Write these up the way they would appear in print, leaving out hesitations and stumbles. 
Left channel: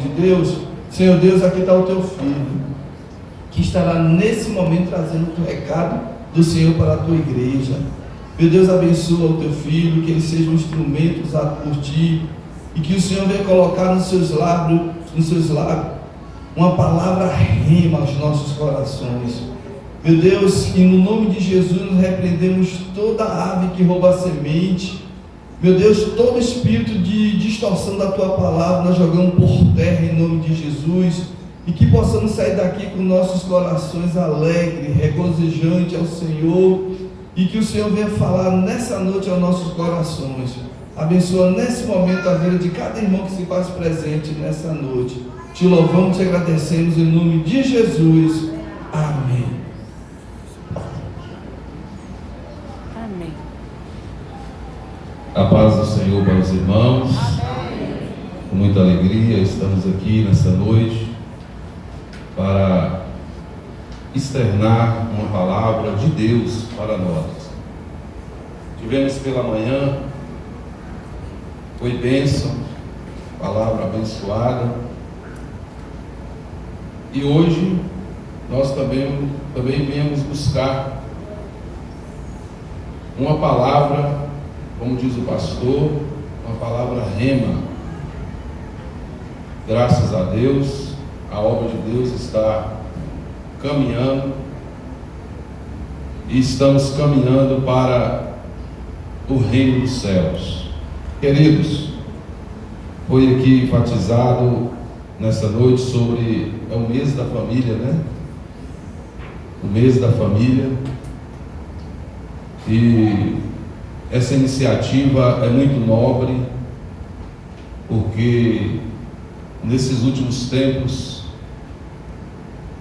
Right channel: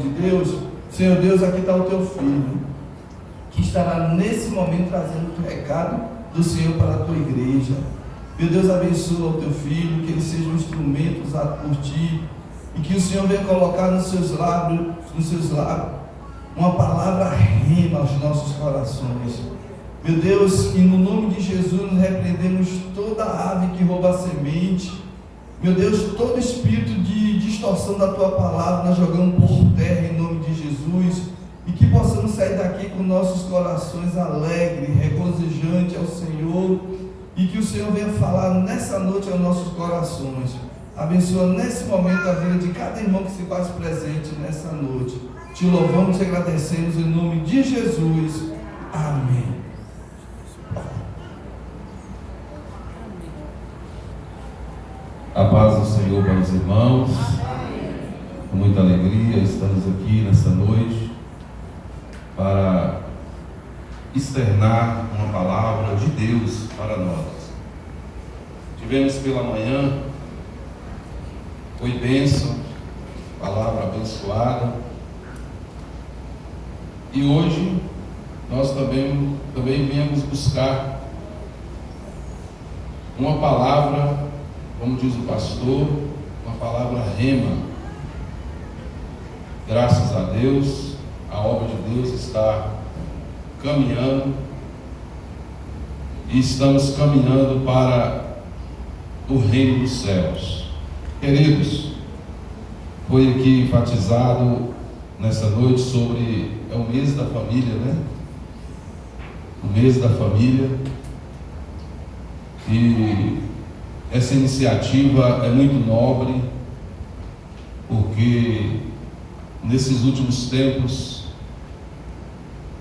De Deus, Senhor Deus, aqui está o teu filho, que estará nesse momento trazendo o recado do Senhor para a tua igreja. Meu Deus, abençoa o teu filho, que ele seja um instrumento usado por ti, e que o Senhor venha colocar nos seus lábios uma palavra rema aos nossos corações. Meu Deus, e no nome de Jesus nós repreendemos toda ave que rouba a semente. Meu Deus, todo espírito de distorção da tua palavra nós jogamos por terra em nome de Jesus, e que possamos sair daqui com nossos corações alegres, regozijantes ao Senhor, e que o Senhor venha falar nessa noite aos nossos corações. Abençoa nesse momento a vida de cada irmão que se faz presente nessa noite. Te louvamos e agradecemos em nome de Jesus. Amém. A paz do Senhor para os irmãos. Com muita alegria estamos aqui nessa noite para externar uma palavra de Deus para nós. Tivemos pela manhã, foi bênção, palavra abençoada, e hoje nós também viemos buscar uma palavra, como diz o pastor, uma palavra rema. Graças a Deus, a obra de Deus está caminhando, e estamos caminhando para o reino dos céus. Queridos, foi aqui enfatizado nessa noite sobre, é o mês da família, né? O mês da família, e essa iniciativa é muito nobre, porque nesses últimos tempos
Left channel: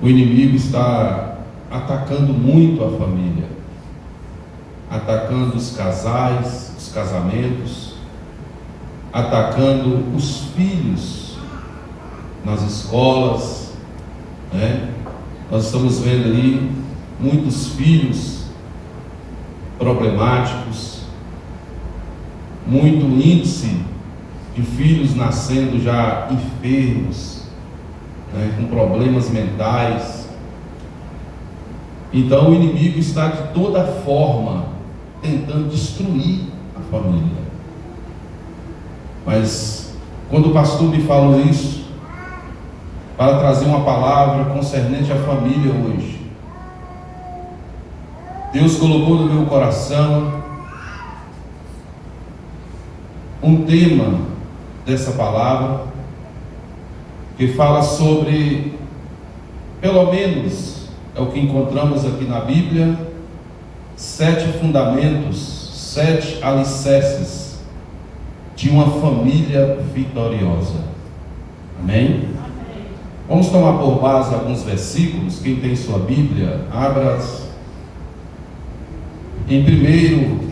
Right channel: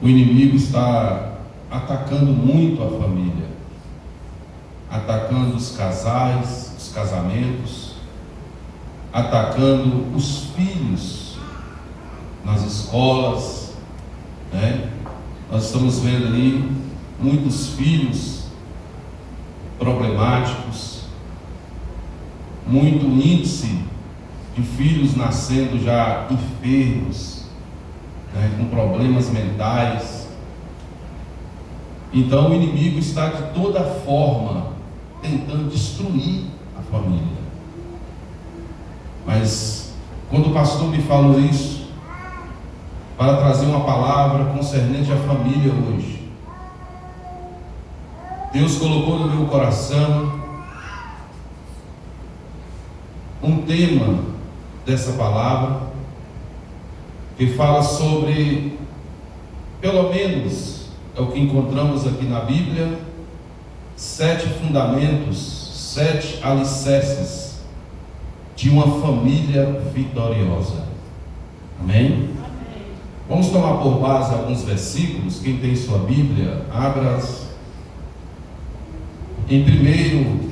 o inimigo está atacando muito a família, atacando os casais, os casamentos, atacando os filhos nas escolas, né? Nós estamos vendo aí muitos filhos problemáticos, muito índice de filhos nascendo já enfermos, né, com problemas mentais. Então o inimigo está de toda forma tentando destruir a família. Mas quando o pastor me falou isso, para trazer uma palavra concernente à família hoje, Deus colocou no meu coração um tema dessa palavra, que fala sobre, pelo menos é o que encontramos aqui na Bíblia, 7 fundamentos, 7 alicerces de uma família vitoriosa. Amém? Vamos tomar por base alguns versículos. Quem tem sua Bíblia, abra em primeiro,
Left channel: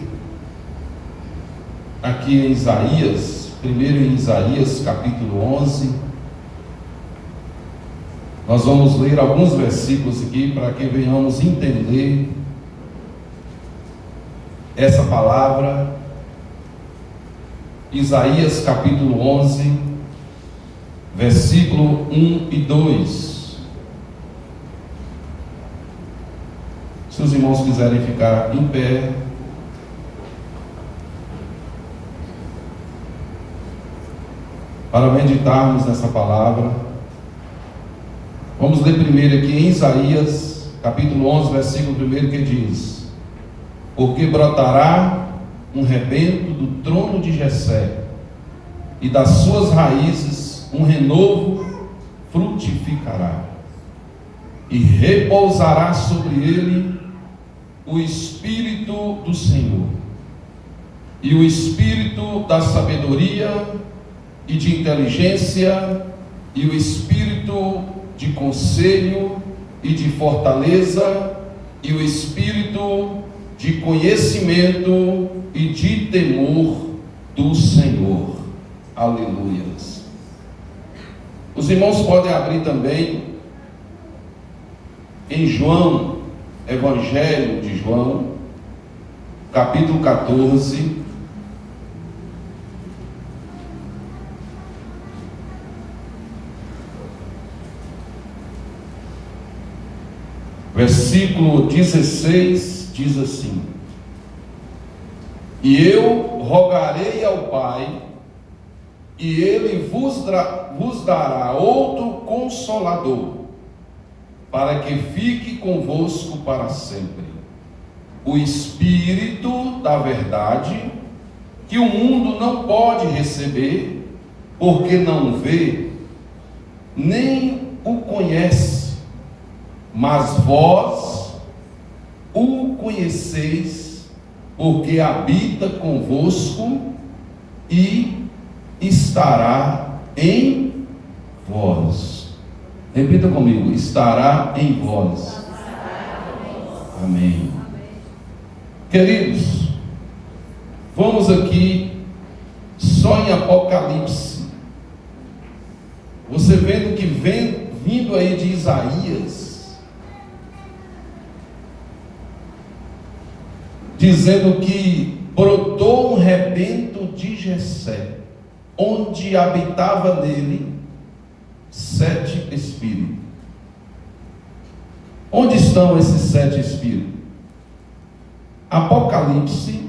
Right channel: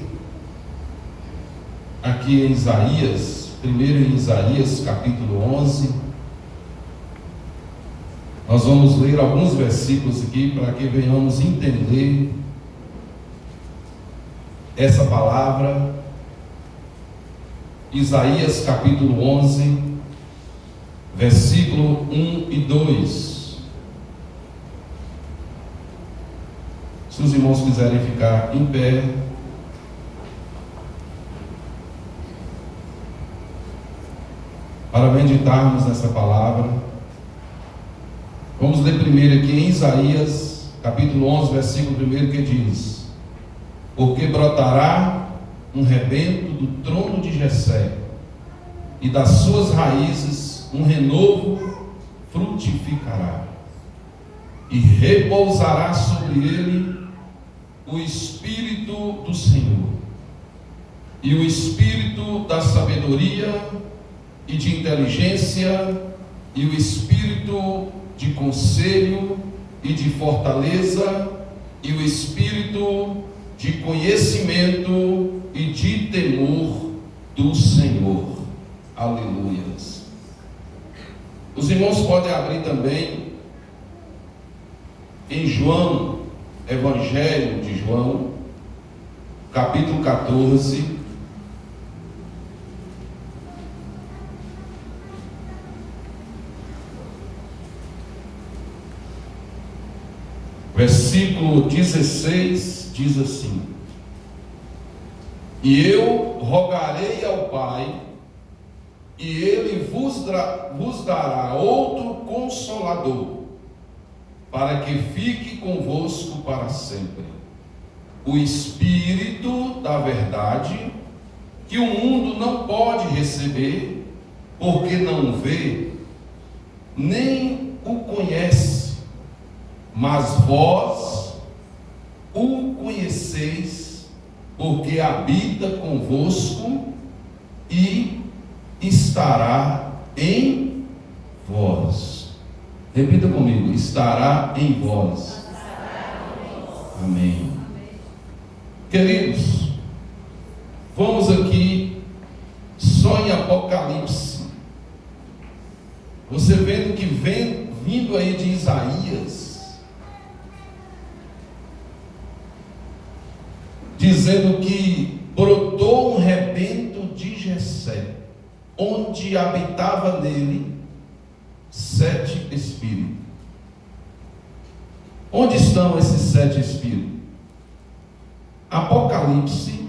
aqui em Isaías, primeiro em Isaías capítulo 11, nós vamos ler alguns versículos aqui para que venhamos entender essa palavra. Isaías capítulo 11, versículo 1 e 2. Se os irmãos quiserem ficar em pé, para meditarmos nessa palavra, vamos ler primeiro aqui em Isaías, capítulo 11, versículo 1, que diz: porque brotará um rebento do trono de Jessé, e das suas raízes um renovo frutificará, e repousará sobre ele o Espírito do Senhor, e o Espírito da sabedoria e de inteligência, e o Espírito de conselho e de fortaleza, e o Espírito de conhecimento e de temor do Senhor. Aleluias. Os irmãos podem abrir também em João, Evangelho de João, capítulo 14, Versículo 16 diz assim: e eu rogarei ao Pai, e Ele vos dará outro Consolador, para que fique convosco para sempre, o Espírito da verdade, que o mundo não pode receber, porque não vê, nem o conhece, mas vós o conheceis, porque habita convosco e estará em vós. Repita comigo: estará em vós. Amém. Queridos, vamos aqui só em Apocalipse. Você vendo que vindo aí de Isaías, dizendo que brotou um rebento de Jessé, onde habitava nele 7 espíritos. Onde estão esses 7 espíritos? Apocalipse,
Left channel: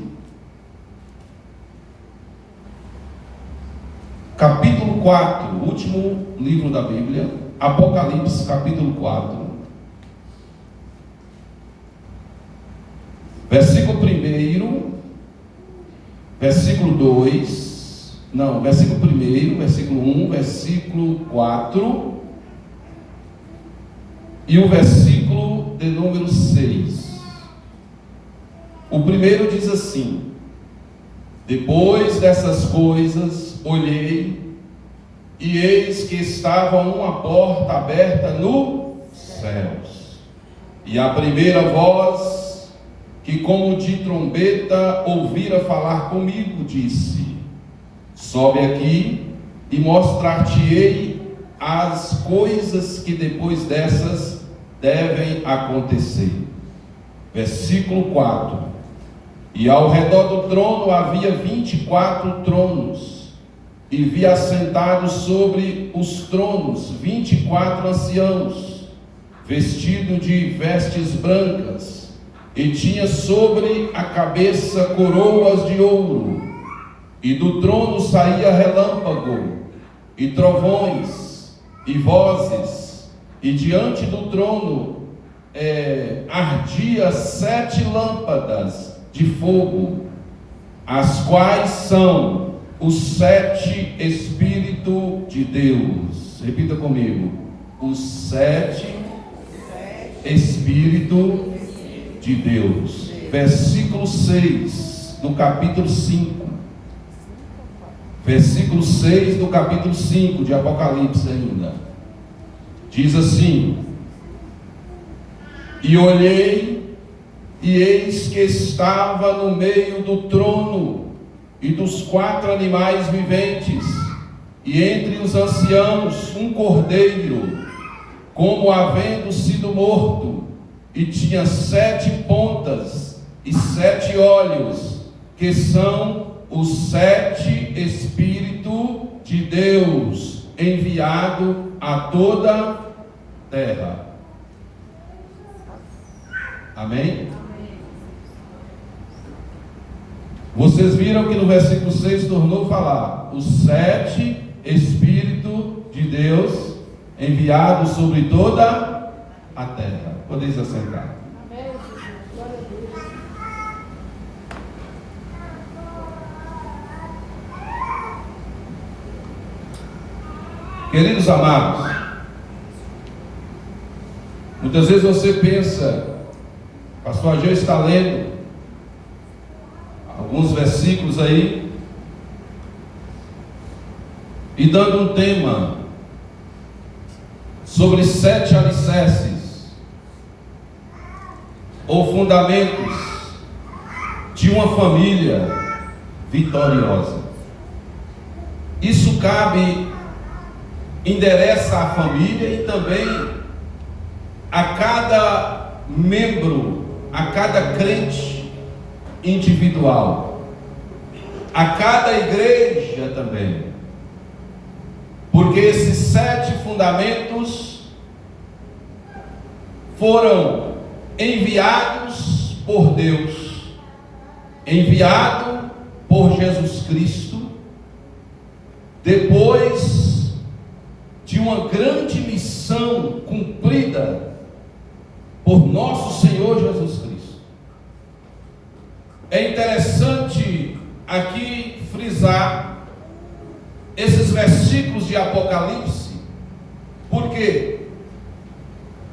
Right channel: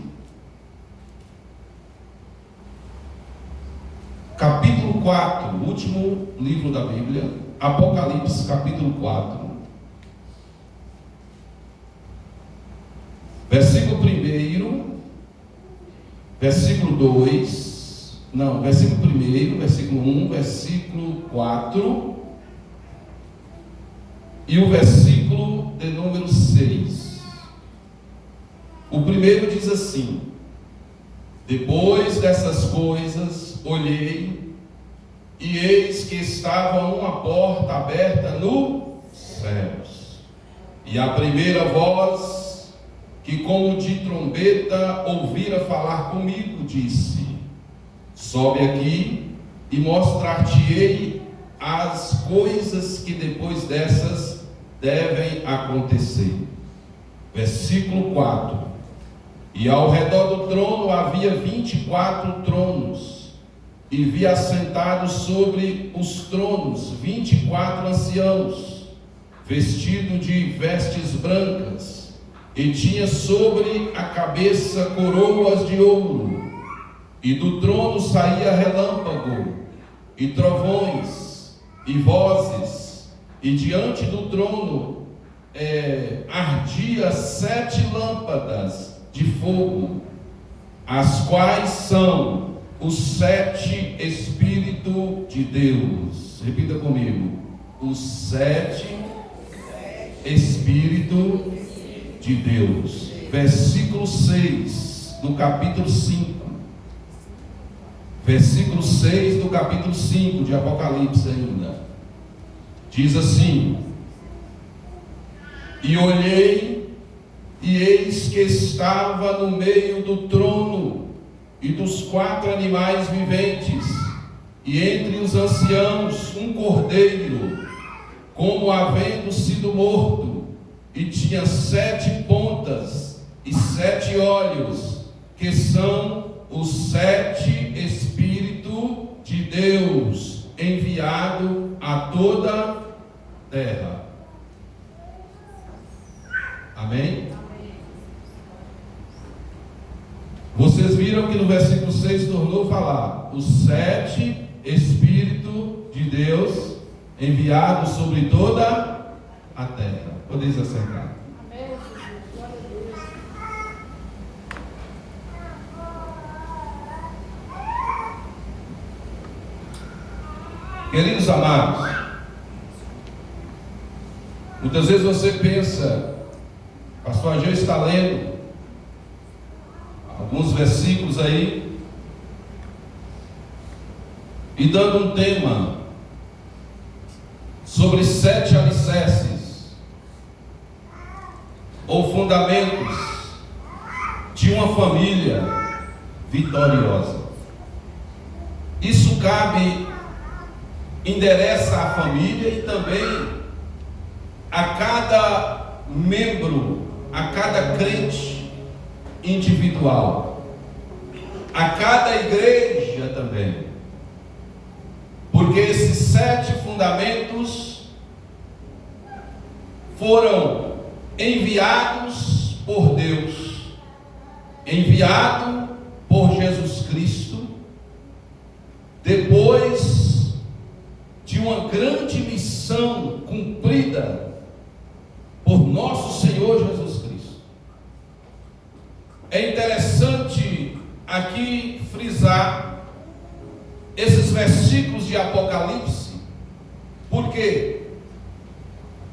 capítulo 4, o último livro da Bíblia. Apocalipse, capítulo 4, versículo 1, versículo 2, não, versículo 1, versículo 1, versículo 4 e o versículo de número 6. O primeiro diz assim: depois dessas coisas olhei, e eis que estava uma porta aberta nos céus, e a primeira voz, que como de trombeta ouvira falar comigo, disse: sobe aqui e mostrar-te-ei as coisas que depois dessas devem acontecer. Versículo 4: e ao redor do trono havia 24 tronos, e vi assentados sobre os tronos 24 anciãos, vestidos de vestes brancas, e tinha sobre a cabeça coroas de ouro, e do trono saía relâmpago, e trovões, e vozes, e diante do trono ardia 7 lâmpadas de fogo, as quais são os 7 Espíritos de Deus. Repita comigo: os 7 Espíritos de Deus. Versículo 6 do capítulo 5. Versículo 6 do capítulo 5 de Apocalipse ainda. Diz assim: e olhei, e eis que estava no meio do trono e dos 4 animais viventes, e entre os anciãos um cordeiro, como havendo sido morto, e tinha 7 pontas e 7 olhos, que são os 7 Espíritos de Deus, enviado a toda a terra. Amém? Vocês viram que no versículo 6 tornou a falar: os 7 Espíritos de Deus enviados sobre toda a terra. Podeis assentar. Queridos amados, muitas vezes você pensa, pastor Ageu está lendo alguns versículos aí e dando um tema sobre 7 alicerces ou fundamentos de uma família vitoriosa. Isso endereça a família e também a cada membro, a cada crente individual, a cada igreja também, porque esses 7 fundamentos foram enviados por Deus, enviado por Jesus Cristo, depois de uma grande missão cumprida por nosso Senhor Jesus Cristo. É interessante aqui frisar esses versículos de Apocalipse. Por quê?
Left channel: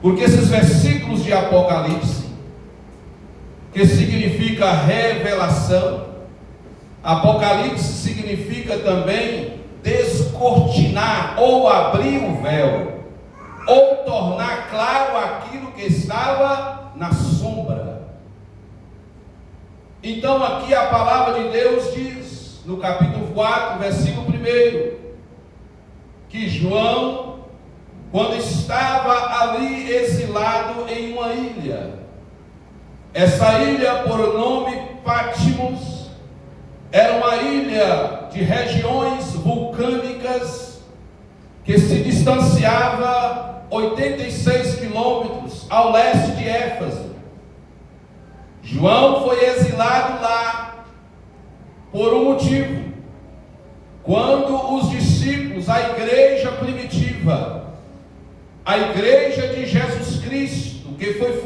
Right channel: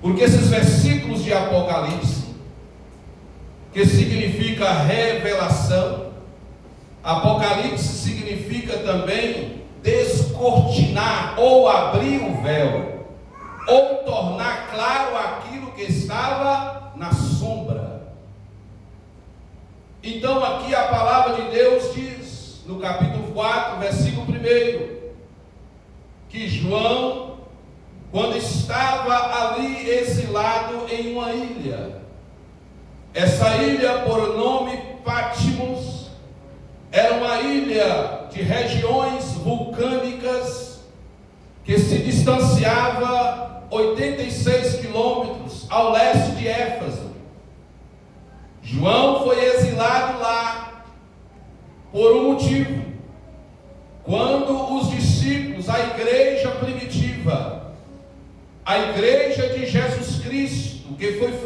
Porque esses versículos de Apocalipse, que significa revelação, Apocalipse significa também descortinar ou abrir o véu, ou tornar claro aquilo que estava na sombra. Então aqui a palavra de Deus diz, no capítulo 4, versículo 1, que João, quando estava ali exilado em uma ilha, essa ilha por nome Patmos, era uma ilha de regiões vulcânicas que se distanciava 86 quilômetros ao leste de Éfeso. João foi exilado lá por um motivo. Quando os discípulos, a igreja primitiva, a igreja de Jesus Cristo, que foi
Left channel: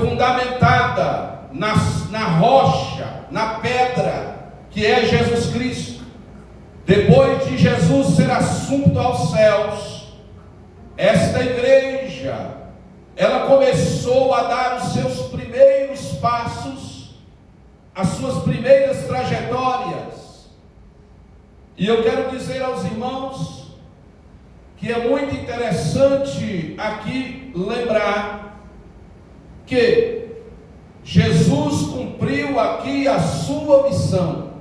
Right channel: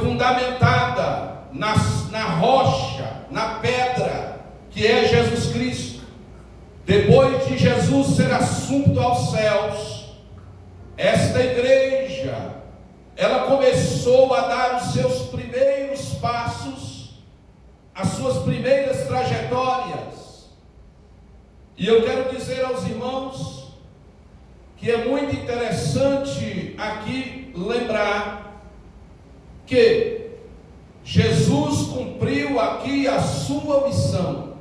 fundamentada na rocha, na pedra, que é Jesus Cristo. Depois de Jesus ser assunto aos céus, esta igreja, ela começou a dar os seus primeiros passos, as suas primeiras trajetórias. E eu quero dizer aos irmãos que é muito interessante aqui lembrar que Jesus cumpriu aqui a sua missão.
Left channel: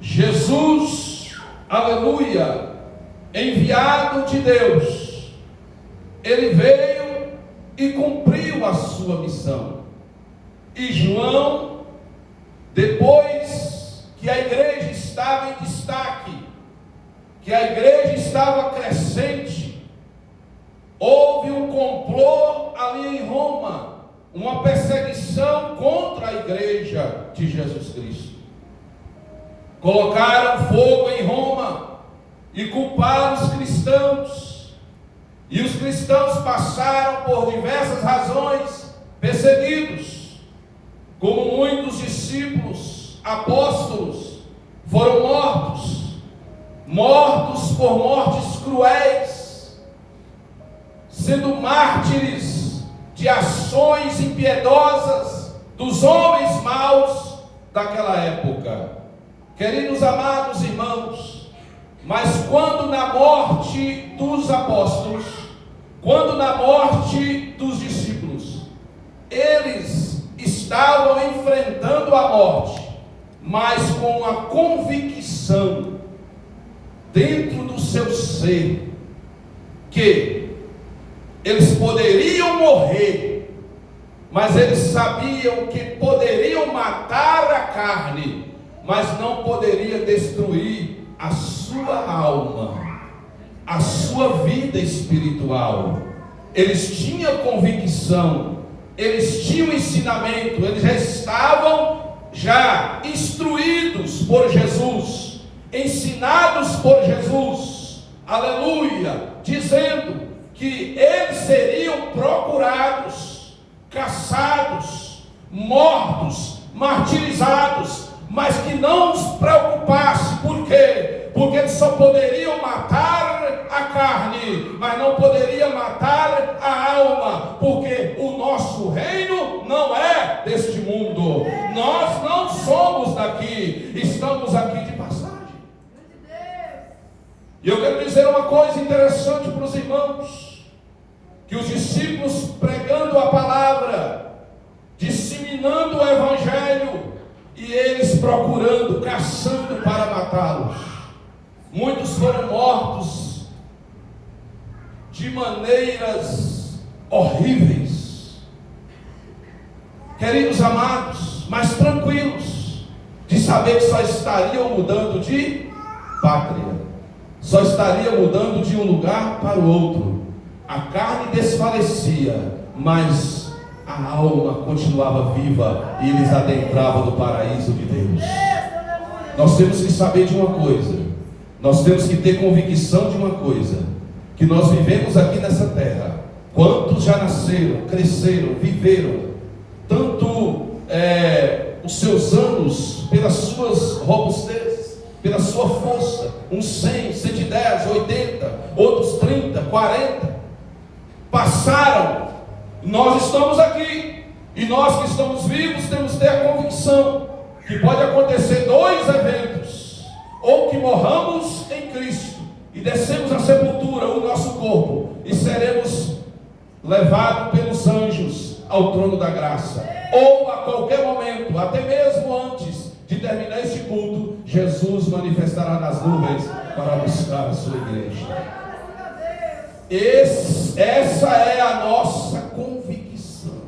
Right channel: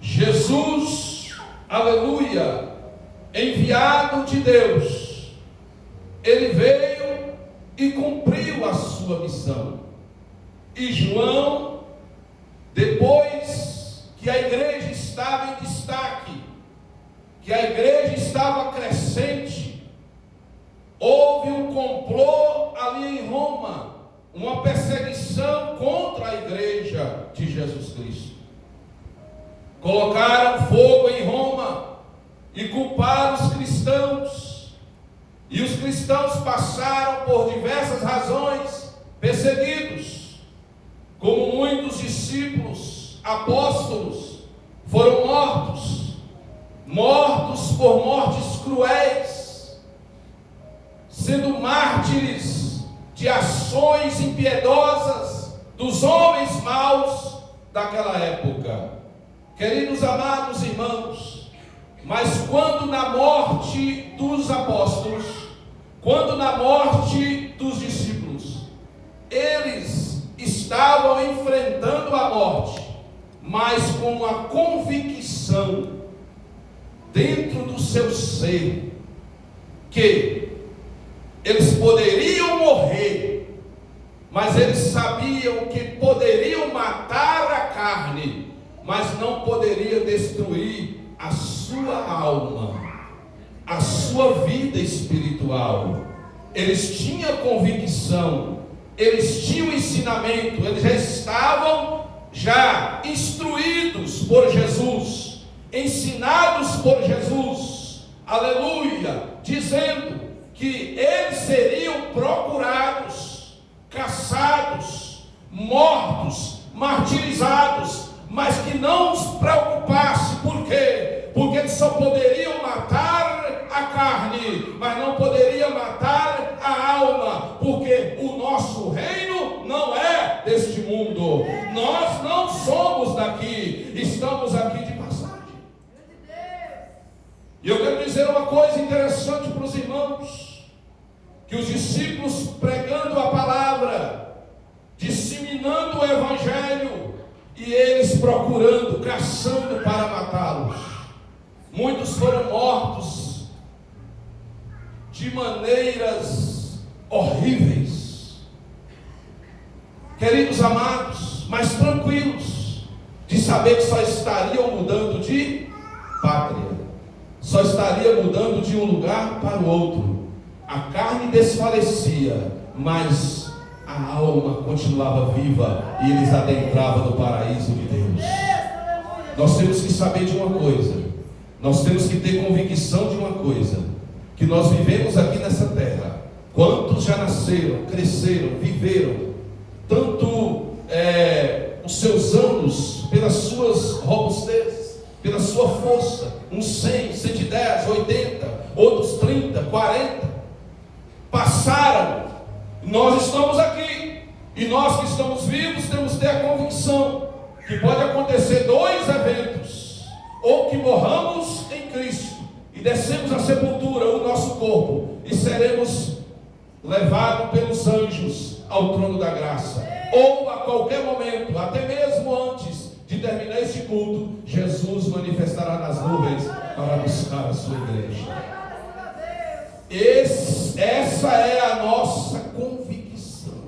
Jesus, aleluia, enviado de Deus, ele veio e cumpriu a sua missão. E João, depois que a igreja estava em destaque, que a igreja estava crescente, houve um complô ali em Roma, uma perseguição contra a igreja de Jesus Cristo. Colocaram fogo em Roma e culparam os cristãos. E os cristãos passaram por diversas razões perseguidos, como muitos discípulos, apóstolos, foram mortos por mortes cruéis, sendo mártires de ações impiedosas dos homens maus daquela época. Queridos amados irmãos, mas quando na morte dos apóstolos, quando na morte dos discípulos, eles estavam enfrentando a morte, mas com a convicção dentro do seu ser, que eles poderiam morrer, mas eles sabiam que poderiam matar a carne, mas não poderia destruir a sua alma, a sua vida espiritual. Eles tinham convicção, eles tinham ensinamento, eles já estavam instruídos por Jesus, ensinados por Jesus, aleluia, dizendo que eles seriam procurados, caçados, mortos, martirizados, mas que não os preocupasse. Por quê? Porque eles só poderiam matar a carne, mas não poderiam matar a alma, porque o nosso reino não é deste mundo. Nós não somos daqui, estamos aqui de passagem. E eu quero dizer uma coisa interessante para os irmãos, que os discípulos pregando a palavra, disseminando o evangelho, e eles procurando, caçando para matá-los. Muitos foram mortos de maneiras horríveis. Queridos amados, mas tranquilos, de saber que só estariam mudando de pátria, só estaria mudando de um lugar para o outro. a carne desfalecia, mas a alma continuava viva e eles adentravam no paraíso de Deus. Nós temos que saber de uma coisa, nós temos que ter convicção de uma coisa, que nós vivemos aqui nessa terra. Quantos já nasceram, cresceram, viveram, tanto os seus anos, pelas suas robustezes, pela sua força, uns 100, 110, 80, outros 30, 40, passaram, nós estamos aqui, e nós que estamos vivos temos que ter a convicção que pode acontecer dois eventos: ou que morramos em Cristo e descemos à sepultura, o nosso corpo, e seremos levados pelos anjos ao trono da graça, ou a qualquer momento, até mesmo antes de terminar este culto, Jesus manifestará nas nuvens para buscar a sua igreja. Essa é a nossa convicção.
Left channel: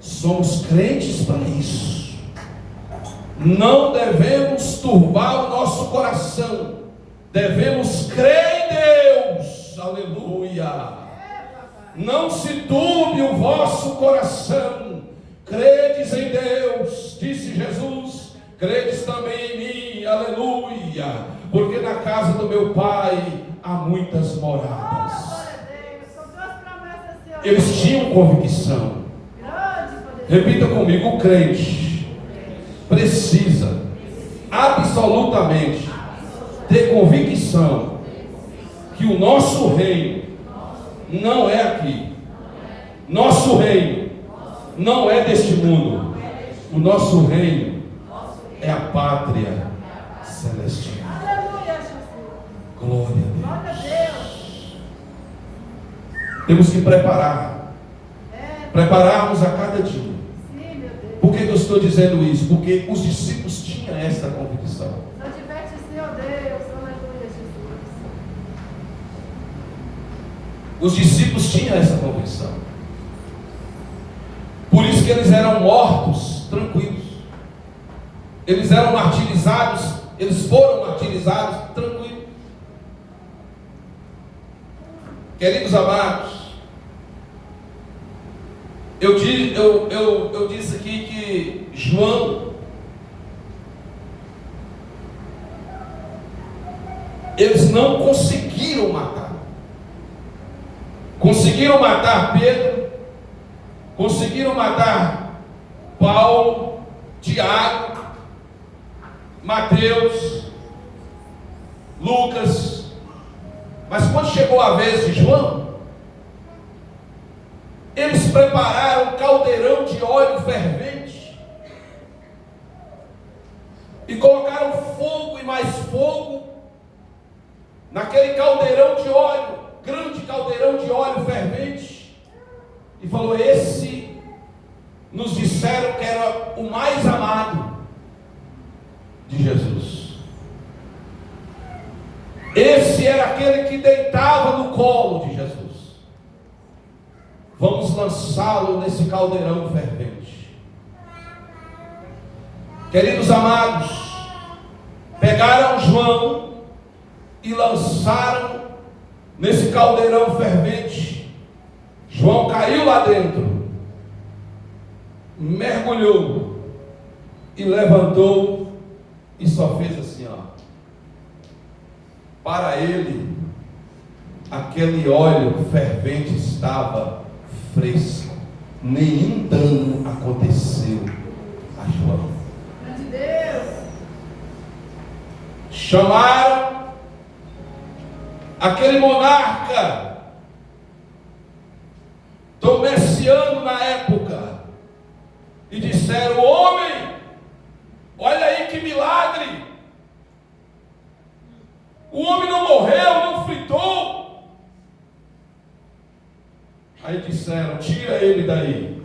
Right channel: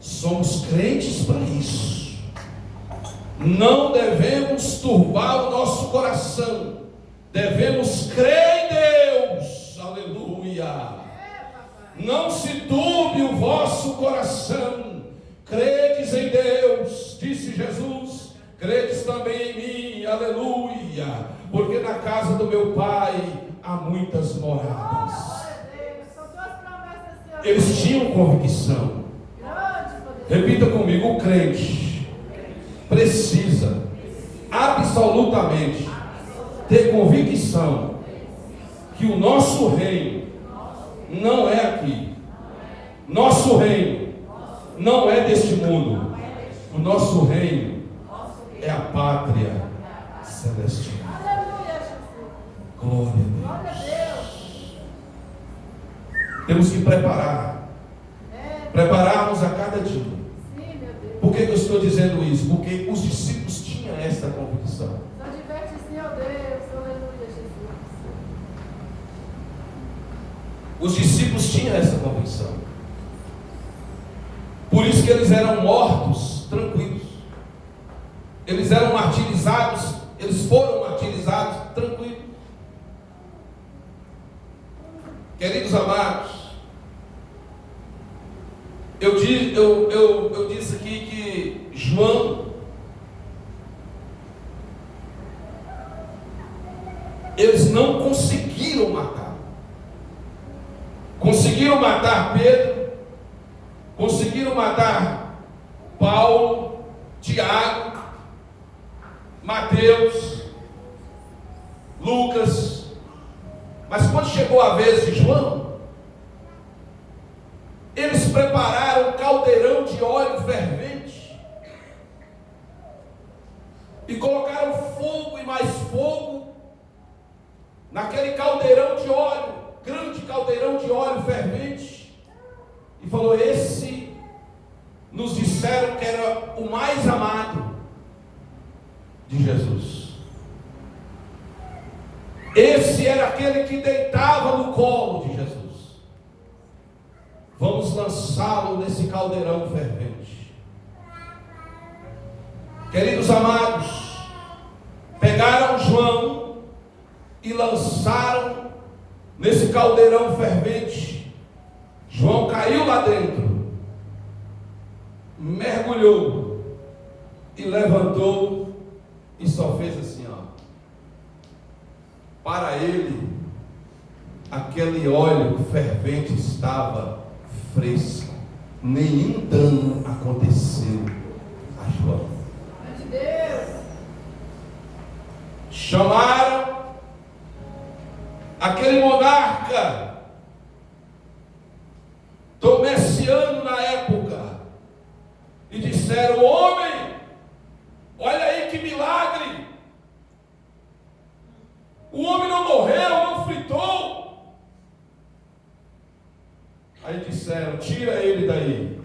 Somos crentes para isso. Não devemos turbar o nosso coração. Devemos crer em Deus. Aleluia. Não se turbe o vosso coração. Credes em Deus, disse Jesus. Credes também em mim. Aleluia. Porque na casa do meu Pai há muitas moradas. Eles tinham convicção. Repita comigo: o crente precisa absolutamente ter convicção que o nosso reino não é aqui. Nosso reino não é deste mundo. O nosso reino é a pátria celestial. Glória a Deus. Temos que prepararmos a cada dia. Por que eu estou dizendo isso? Porque os discípulos tinham esta convicção. Os discípulos tinham essa convicção. Por isso que eles eram mortos tranquilos. Eles eram martirizados, eles foram martirizados tranquilos. Queridos amados, eu disse aqui que João, eles não conseguiram matar. Conseguiram matar Pedro, conseguiram matar Paulo, Tiago, Mateus, Lucas, mas quando chegou a vez de João, eles prepararam um caldeirão de óleo fervente e colocaram fogo e mais fogo naquele caldeirão de óleo, grande caldeirão de óleo fervente, e falou: esse nos disseram que era o mais amado de Jesus. Esse era aquele que deitava no colo de Jesus. Vamos lançá-lo nesse caldeirão fervente. Queridos amados, pegaram João e lançaram nesse caldeirão fervente. João caiu lá dentro, mergulhou e levantou e só fez assim, ó. Para ele, aquele óleo fervente estava fresco, nenhum dano aconteceu a João. Chamaram aquele monarca Domiciano na época e disseram: homem, olha aí que milagre, o homem não morreu, não fritou. Aí disseram: tira ele daí,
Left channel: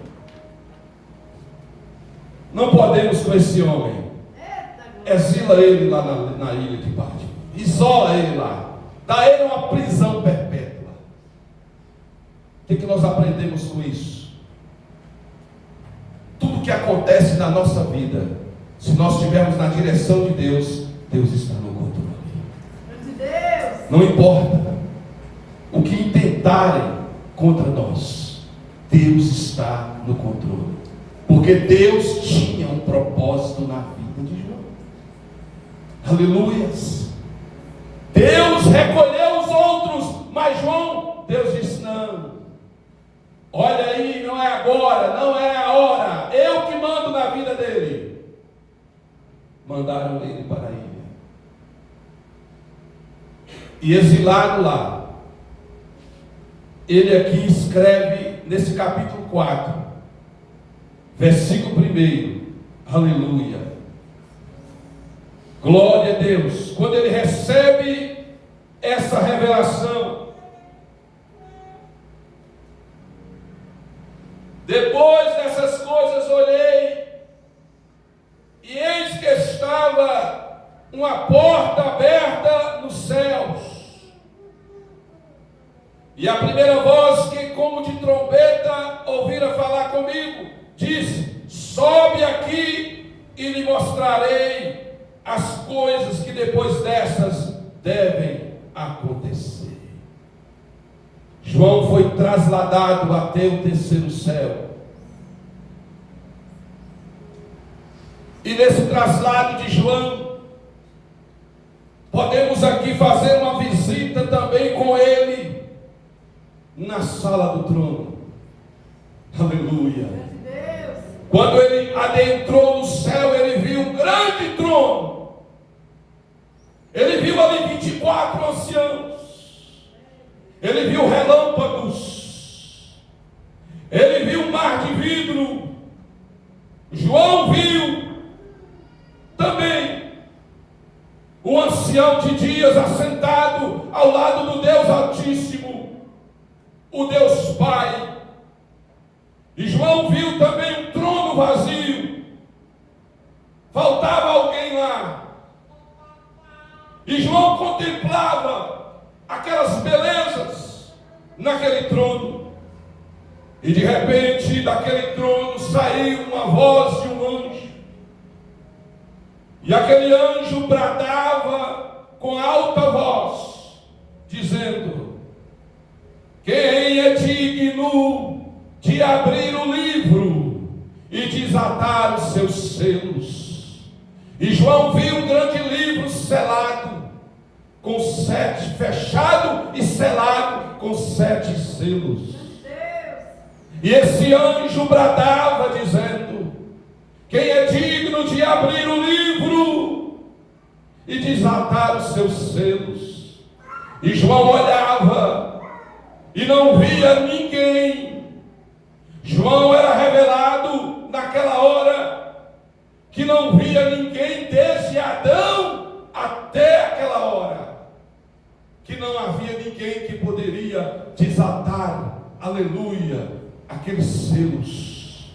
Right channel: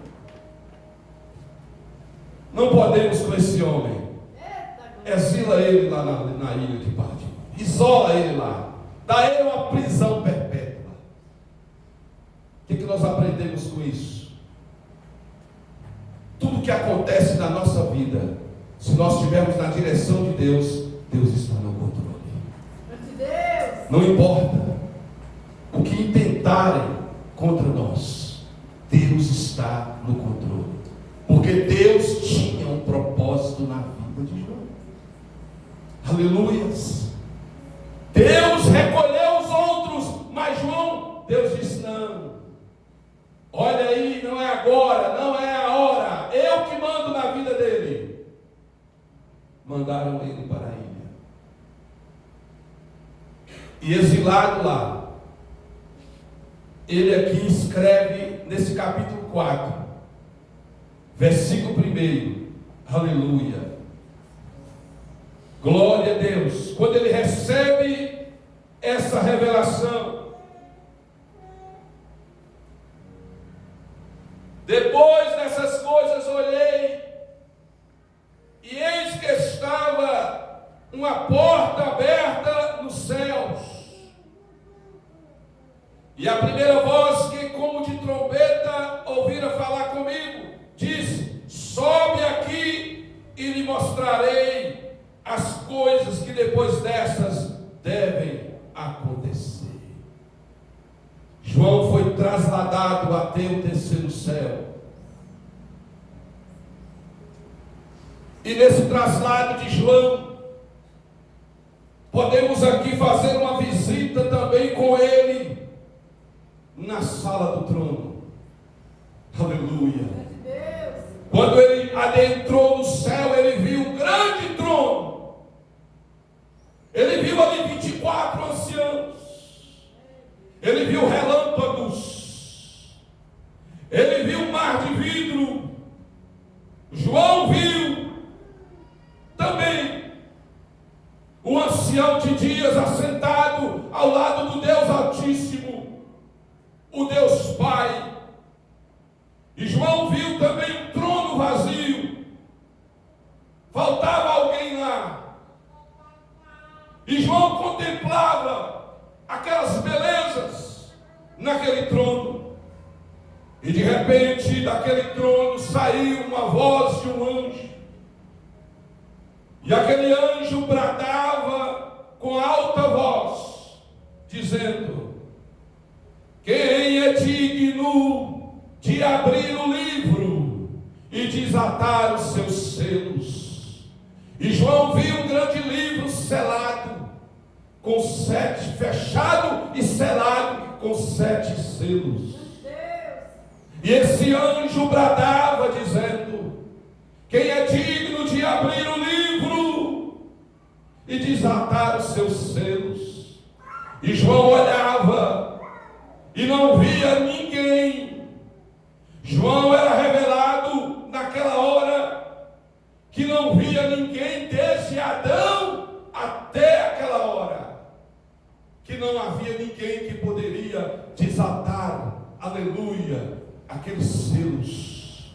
não podemos com esse homem, exila ele lá na ilha de Patmos, isola ele lá, dá ele uma prisão perpétua. O que nós aprendemos com isso? Tudo que acontece na nossa vida, se nós estivermos na direção de Deus, Deus está no controle. Não importa o que intentar atentarem contra nós, Deus está no controle, porque Deus tinha um propósito na vida de João. Aleluias. Deus recolheu os outros, mas João, Deus disse: não, olha aí, não é agora, não é a hora, eu que mando na vida dele. Mandaram ele para a ilha, e exilado lá, ele aqui escreve nesse capítulo 4, versículo 1, aleluia, glória a Deus. Quando ele recebe essa revelação, depois dessas coisas olhei, e eis que estava uma porta aberta nos céus, e a primeira voz que como de trombeta ouvira falar comigo, disse: sobe aqui e lhe mostrarei as coisas que depois dessas devem acontecer. João foi trasladado até o terceiro céu, e nesse traslado de João, podemos aqui fazer uma visita também com ele na sala do trono. Aleluia. Quando ele adentrou no céu, ele viu um grande trono. Ele viu ali 24 anciãos. Ele viu relâmpagos. Ele viu um mar de vidro. João viu também o ancião de dias assentado ao lado do Deus Altíssimo, o Deus Pai. E João viu também um trono vazio. Faltava alguém lá. E João contemplava aquelas belezas naquele trono. E de repente daquele trono saiu uma voz de um anjo. E aquele anjo bradava com alta voz, dizendo: quem é digno de abrir o livro e desatar os seus selos? E João viu um grande livro selado, com 7, fechado e selado com 7 selos. E esse anjo bradava, dizendo: quem é digno de abrir o livro e desatar os seus selos? E João olhava e não via ninguém. João era revelado naquela hora que não via ninguém desde Adão até aquela hora, que não havia ninguém que poderia desatar, aleluia, aqueles selos.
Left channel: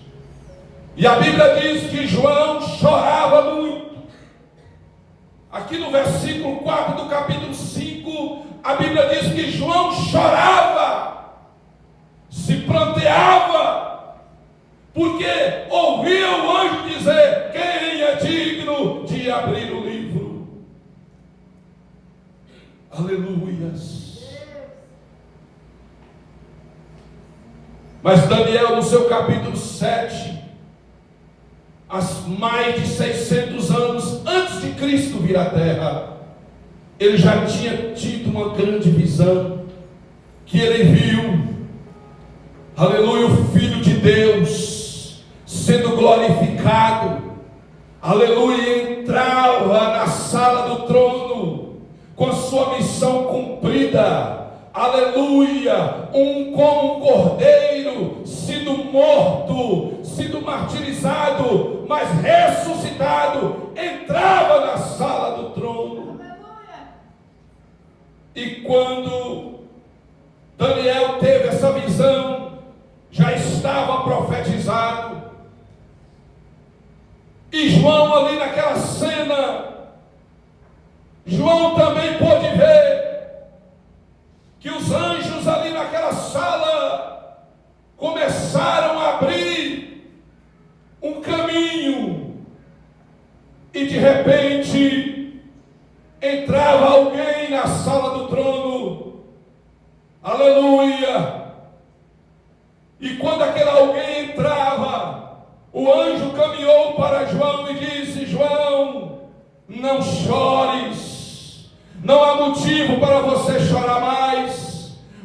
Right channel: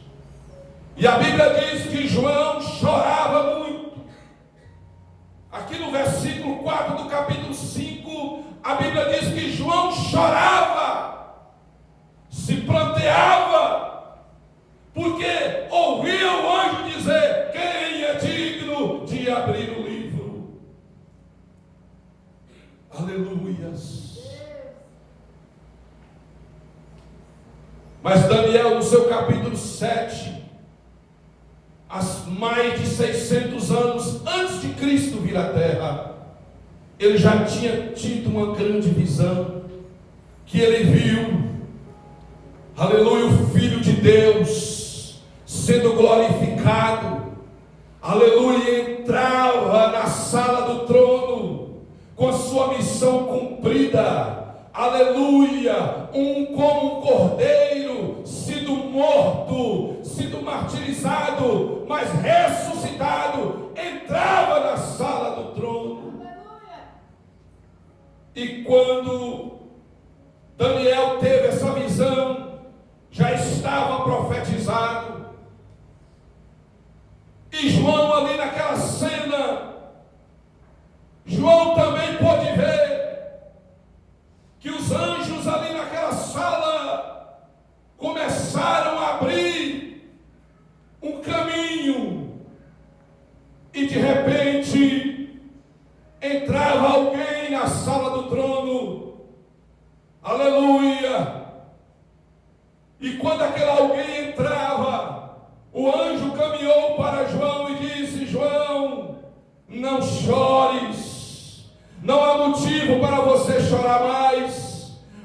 E a Bíblia diz que João chorava muito. Aqui no versículo 4 do capítulo 5, a Bíblia diz que João chorava, se pranteava, porque ouvia o anjo dizer: quem é digno de abrir o livro? Aleluias. Mas Daniel, no seu capítulo 7, mais de 600 anos antes de Cristo vir à terra, ele já tinha tido uma grande visão, que ele viu, aleluia, o Filho de Deus sendo glorificado, aleluia, entrava na sala do trono com a sua missão cumprida, aleluia, como um cordeiro, sido morto, sido martirizado, mas ressuscitado, entrava na sala do trono. E quando Daniel teve essa visão, já estava profetizado. E João, ali naquela cena, João também pôde ver que os anjos ali naquela sala começaram a abrir um caminho, e de repente entrava alguém na sala do trono, aleluia,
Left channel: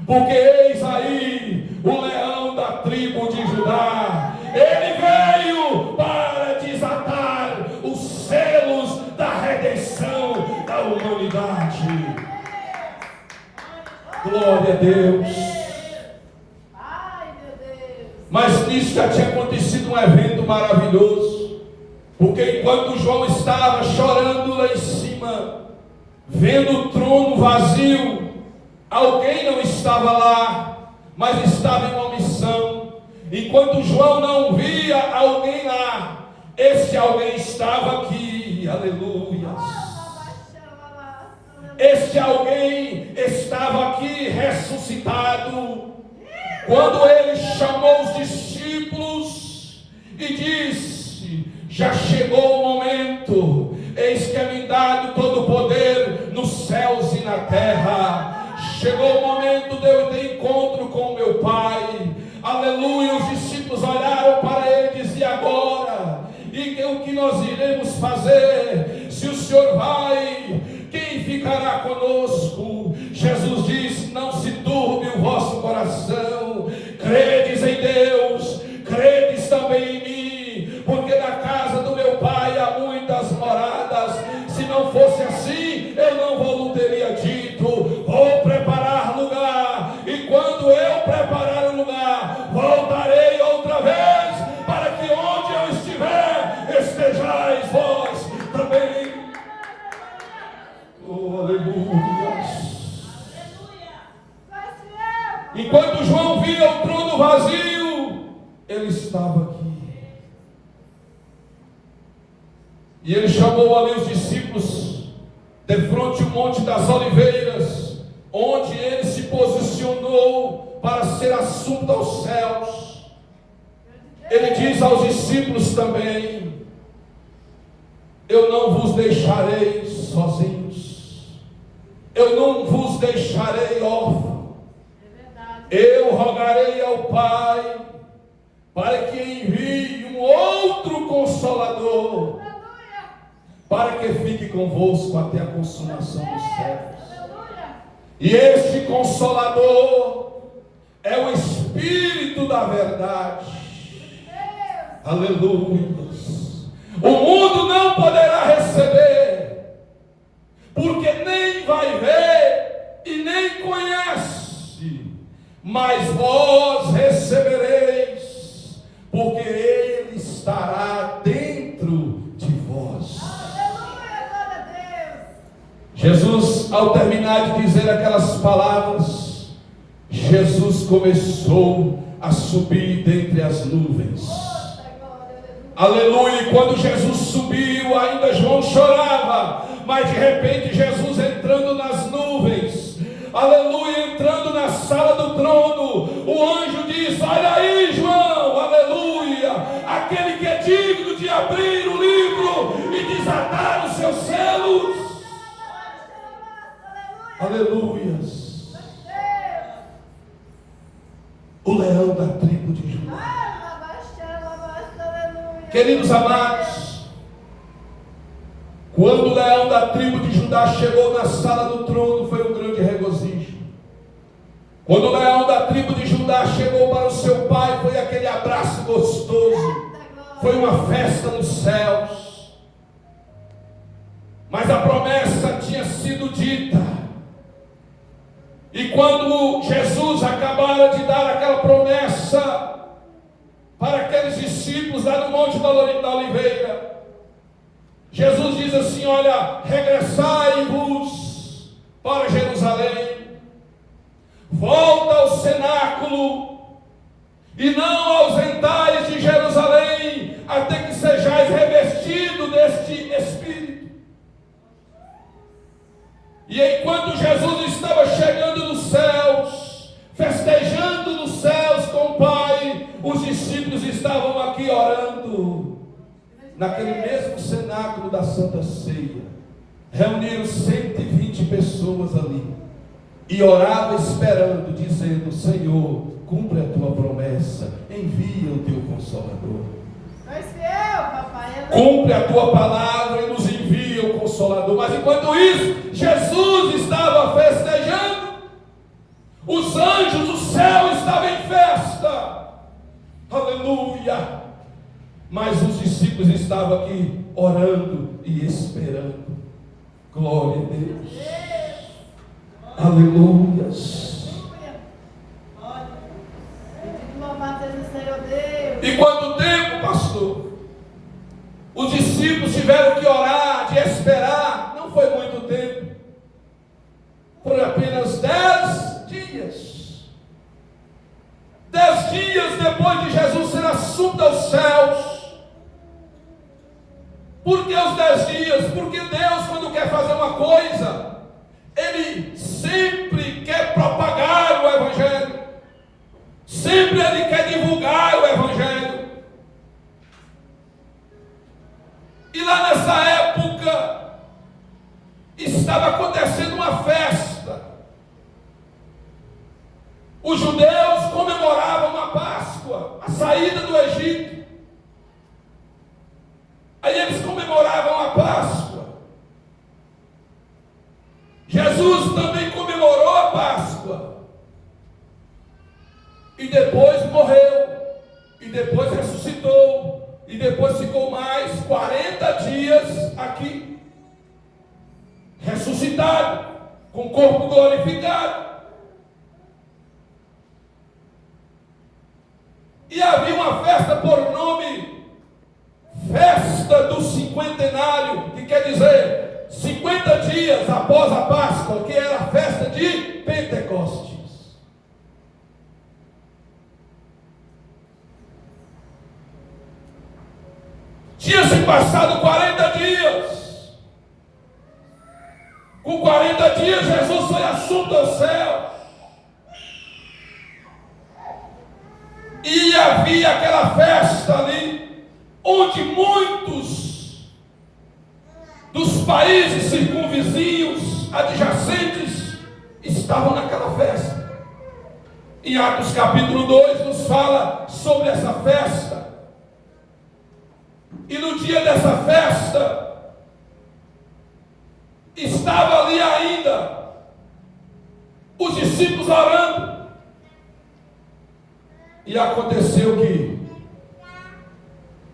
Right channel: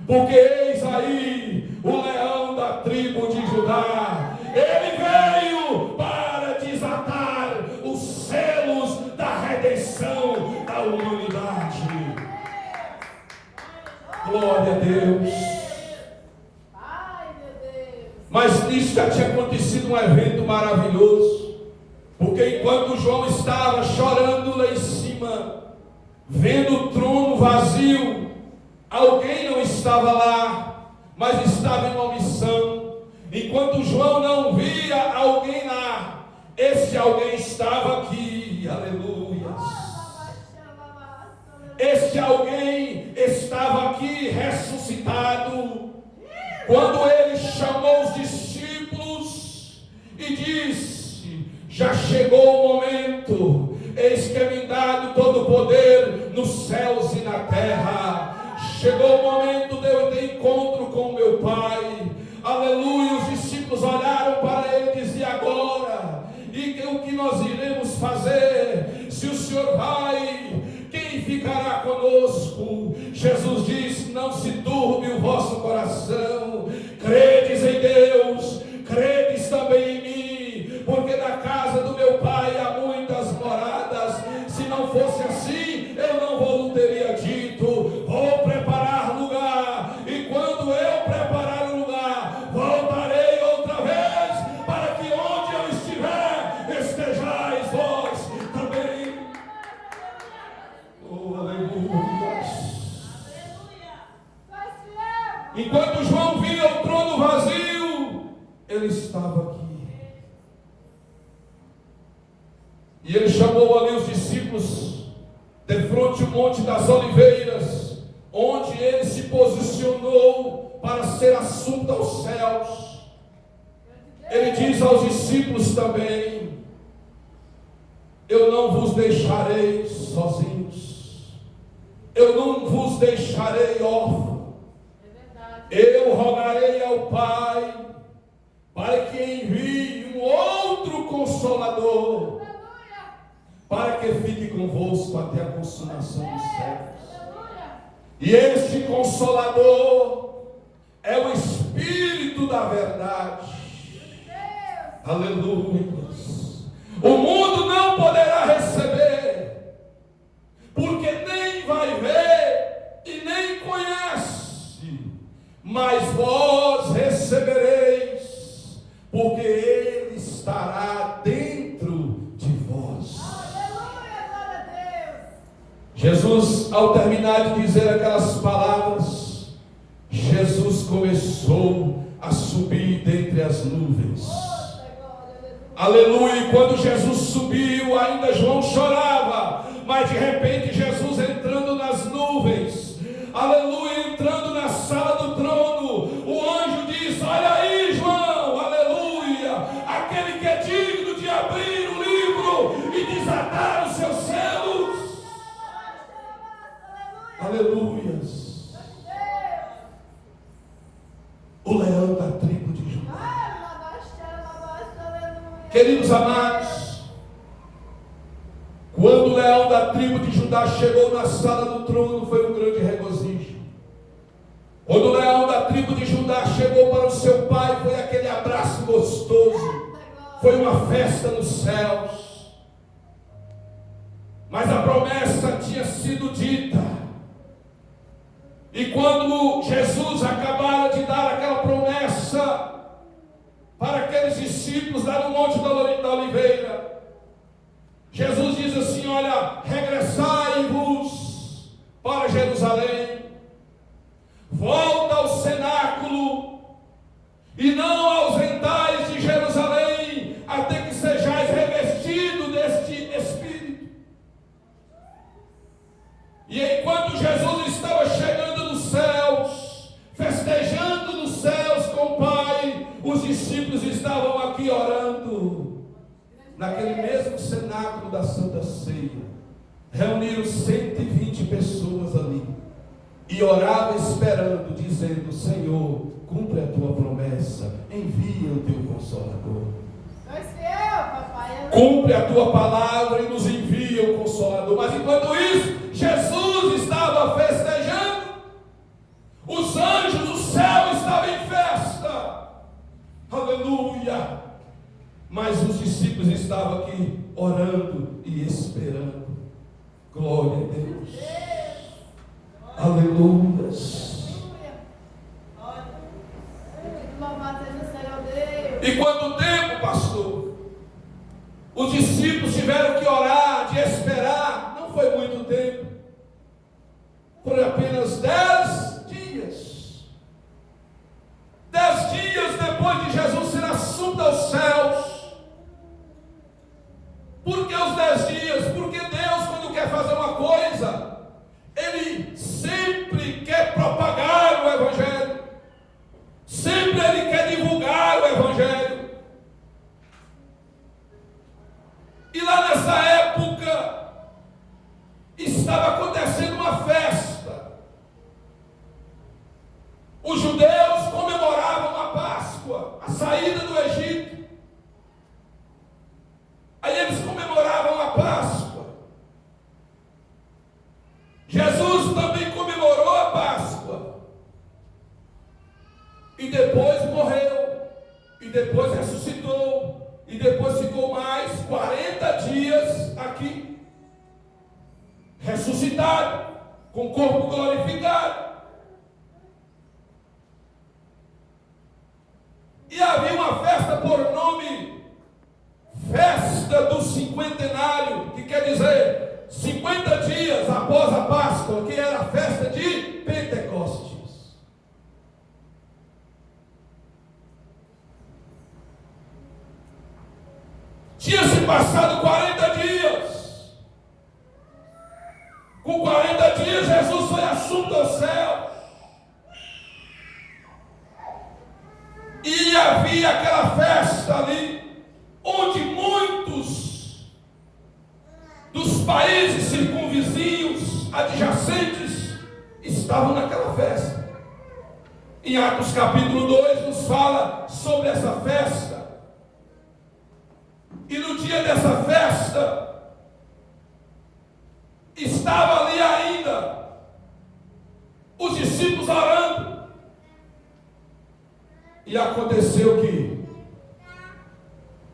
porque eis aí o leão da tribo de Judá. Ele veio para desatar os selos da redenção da humanidade. Glória a Deus. Mas nisso já tinha acontecido um evento maravilhoso, porque enquanto João estava chorando lá em cima, vendo o trono vazio, alguém não estava lá, mas estava em uma missão. Enquanto João não via alguém lá, esse alguém estava aqui. Aleluia. Este alguém estava aqui ressuscitado. Quando ele chamou os discípulos e disse: já chegou o momento, eis que é me dado todo o poder nos céus e na terra. Chegou o momento de eu ter encontro com meu Pai. Aleluia. Os discípulos olharam para ele e diziam: agora, e o que nós iremos fazer? Se o Senhor vai, quem ficará conosco? Jesus disse: não se turbe o vosso coração, credes em Deus, credes também em mim, porque na casa do meu Pai há muitas moradas. Se não fosse assim, eu não vos teria dito: vou preparar lugar, e quando eu preparar o lugar, voltarei outra vez, para que onde eu estiver, estejais vós também. Oh, aleluia. Enquanto João via o trono vazio, ele estava aqui. E ele chamou ali os discípulos de frente ao Monte das Oliveiras, onde ele se posicionou para ser assunto aos céus. Ele diz aos discípulos também: eu não vos deixarei sozinhos, eu não vos deixarei órfãos. Eu rogarei ao Pai para que envie um outro Consolador, para que fique convosco até a consumação dos séculos. E este Consolador é o Espírito da verdade. Aleluia. O mundo não poderá receber, porque nem vai ver e nem conhece. Mas vós recebereis, porque Ele estará dentro de vós. Jesus, ao terminar de dizer aquelas palavras, Jesus começou a subir dentre as nuvens. Aleluia. E quando Jesus subiu, ainda João chorava, mas de repente Jesus entrando nas nuvens, aleluia, entrando na sala do trono, o anjo diz: olha aí, João, aleluia, aquele que é digno de abrir o livro e desatar os seus selos. Aleluias. O leão da tribo de Judá. Queridos amados, quando o leão da tribo de Judá chegou na sala do trono, foi um grande regozijo. Quando o leão da tribo de Judá chegou para o seu pai, foi aquele abraço gostoso, foi uma festa nos céus. Mas a promessa tinha sido dita, e quando Jesus acabara de dar aquela promessa para aqueles discípulos lá no Monte da Oliveira, Jesus diz assim: olha, regressai-vos para Jerusalém, volta ao cenáculo, e não ausentais de Jerusalém, até que sejais revestido deste Espírito. E enquanto Jesus estava chegando nos céus, festejando nos céus com o Pai, os discípulos estavam aqui orando, naquele mesmo cenáculo da Santa Ceia. Reuniram 120 pessoas ali, e orava esperando, dizendo: Senhor, cumpre a tua promessa, envia o teu Consolador. Cumpre a tua palavra e nos envia o Consolador. Mas enquanto isso, Jesus estava festejando, os anjos discípulos estavam aqui orando e esperando. Glória a Deus. Aleluias. E quanto tempo, pastor? Os discípulos tiveram que orar, de esperar. Não foi muito tempo. Por apenas 10 dias. 10 dias depois de Jesus ser assunto aos céus. Por que os 10 dias? Porque Deus, quando quer fazer uma coisa, Ele sempre quer propagar o Evangelho. Sempre Ele quer divulgar o Evangelho. E lá nessa época, estava acontecendo uma festa. Os judeus comemoravam a Páscoa, a saída do Egito. Aí eles comemoravam a Páscoa. Jesus também comemorou a Páscoa. E depois morreu. E depois ressuscitou. E depois ficou mais 40 dias aqui. Ressuscitado. Com o corpo glorificado. E havia uma festa por nome Festa do Cinquentenário, que quer dizer 50 dias após a Páscoa, que era a festa de Pentecostes. Tinha se passado 40 dias. Com 40 dias Jesus foi assunto ao céu. E havia aquela festa ali, onde muitos dos países circunvizinhos, adjacentes, estavam naquela festa. Em Atos capítulo 2 nos fala sobre essa festa. E no dia dessa festa, estava ali ainda os discípulos orando. E aconteceu que,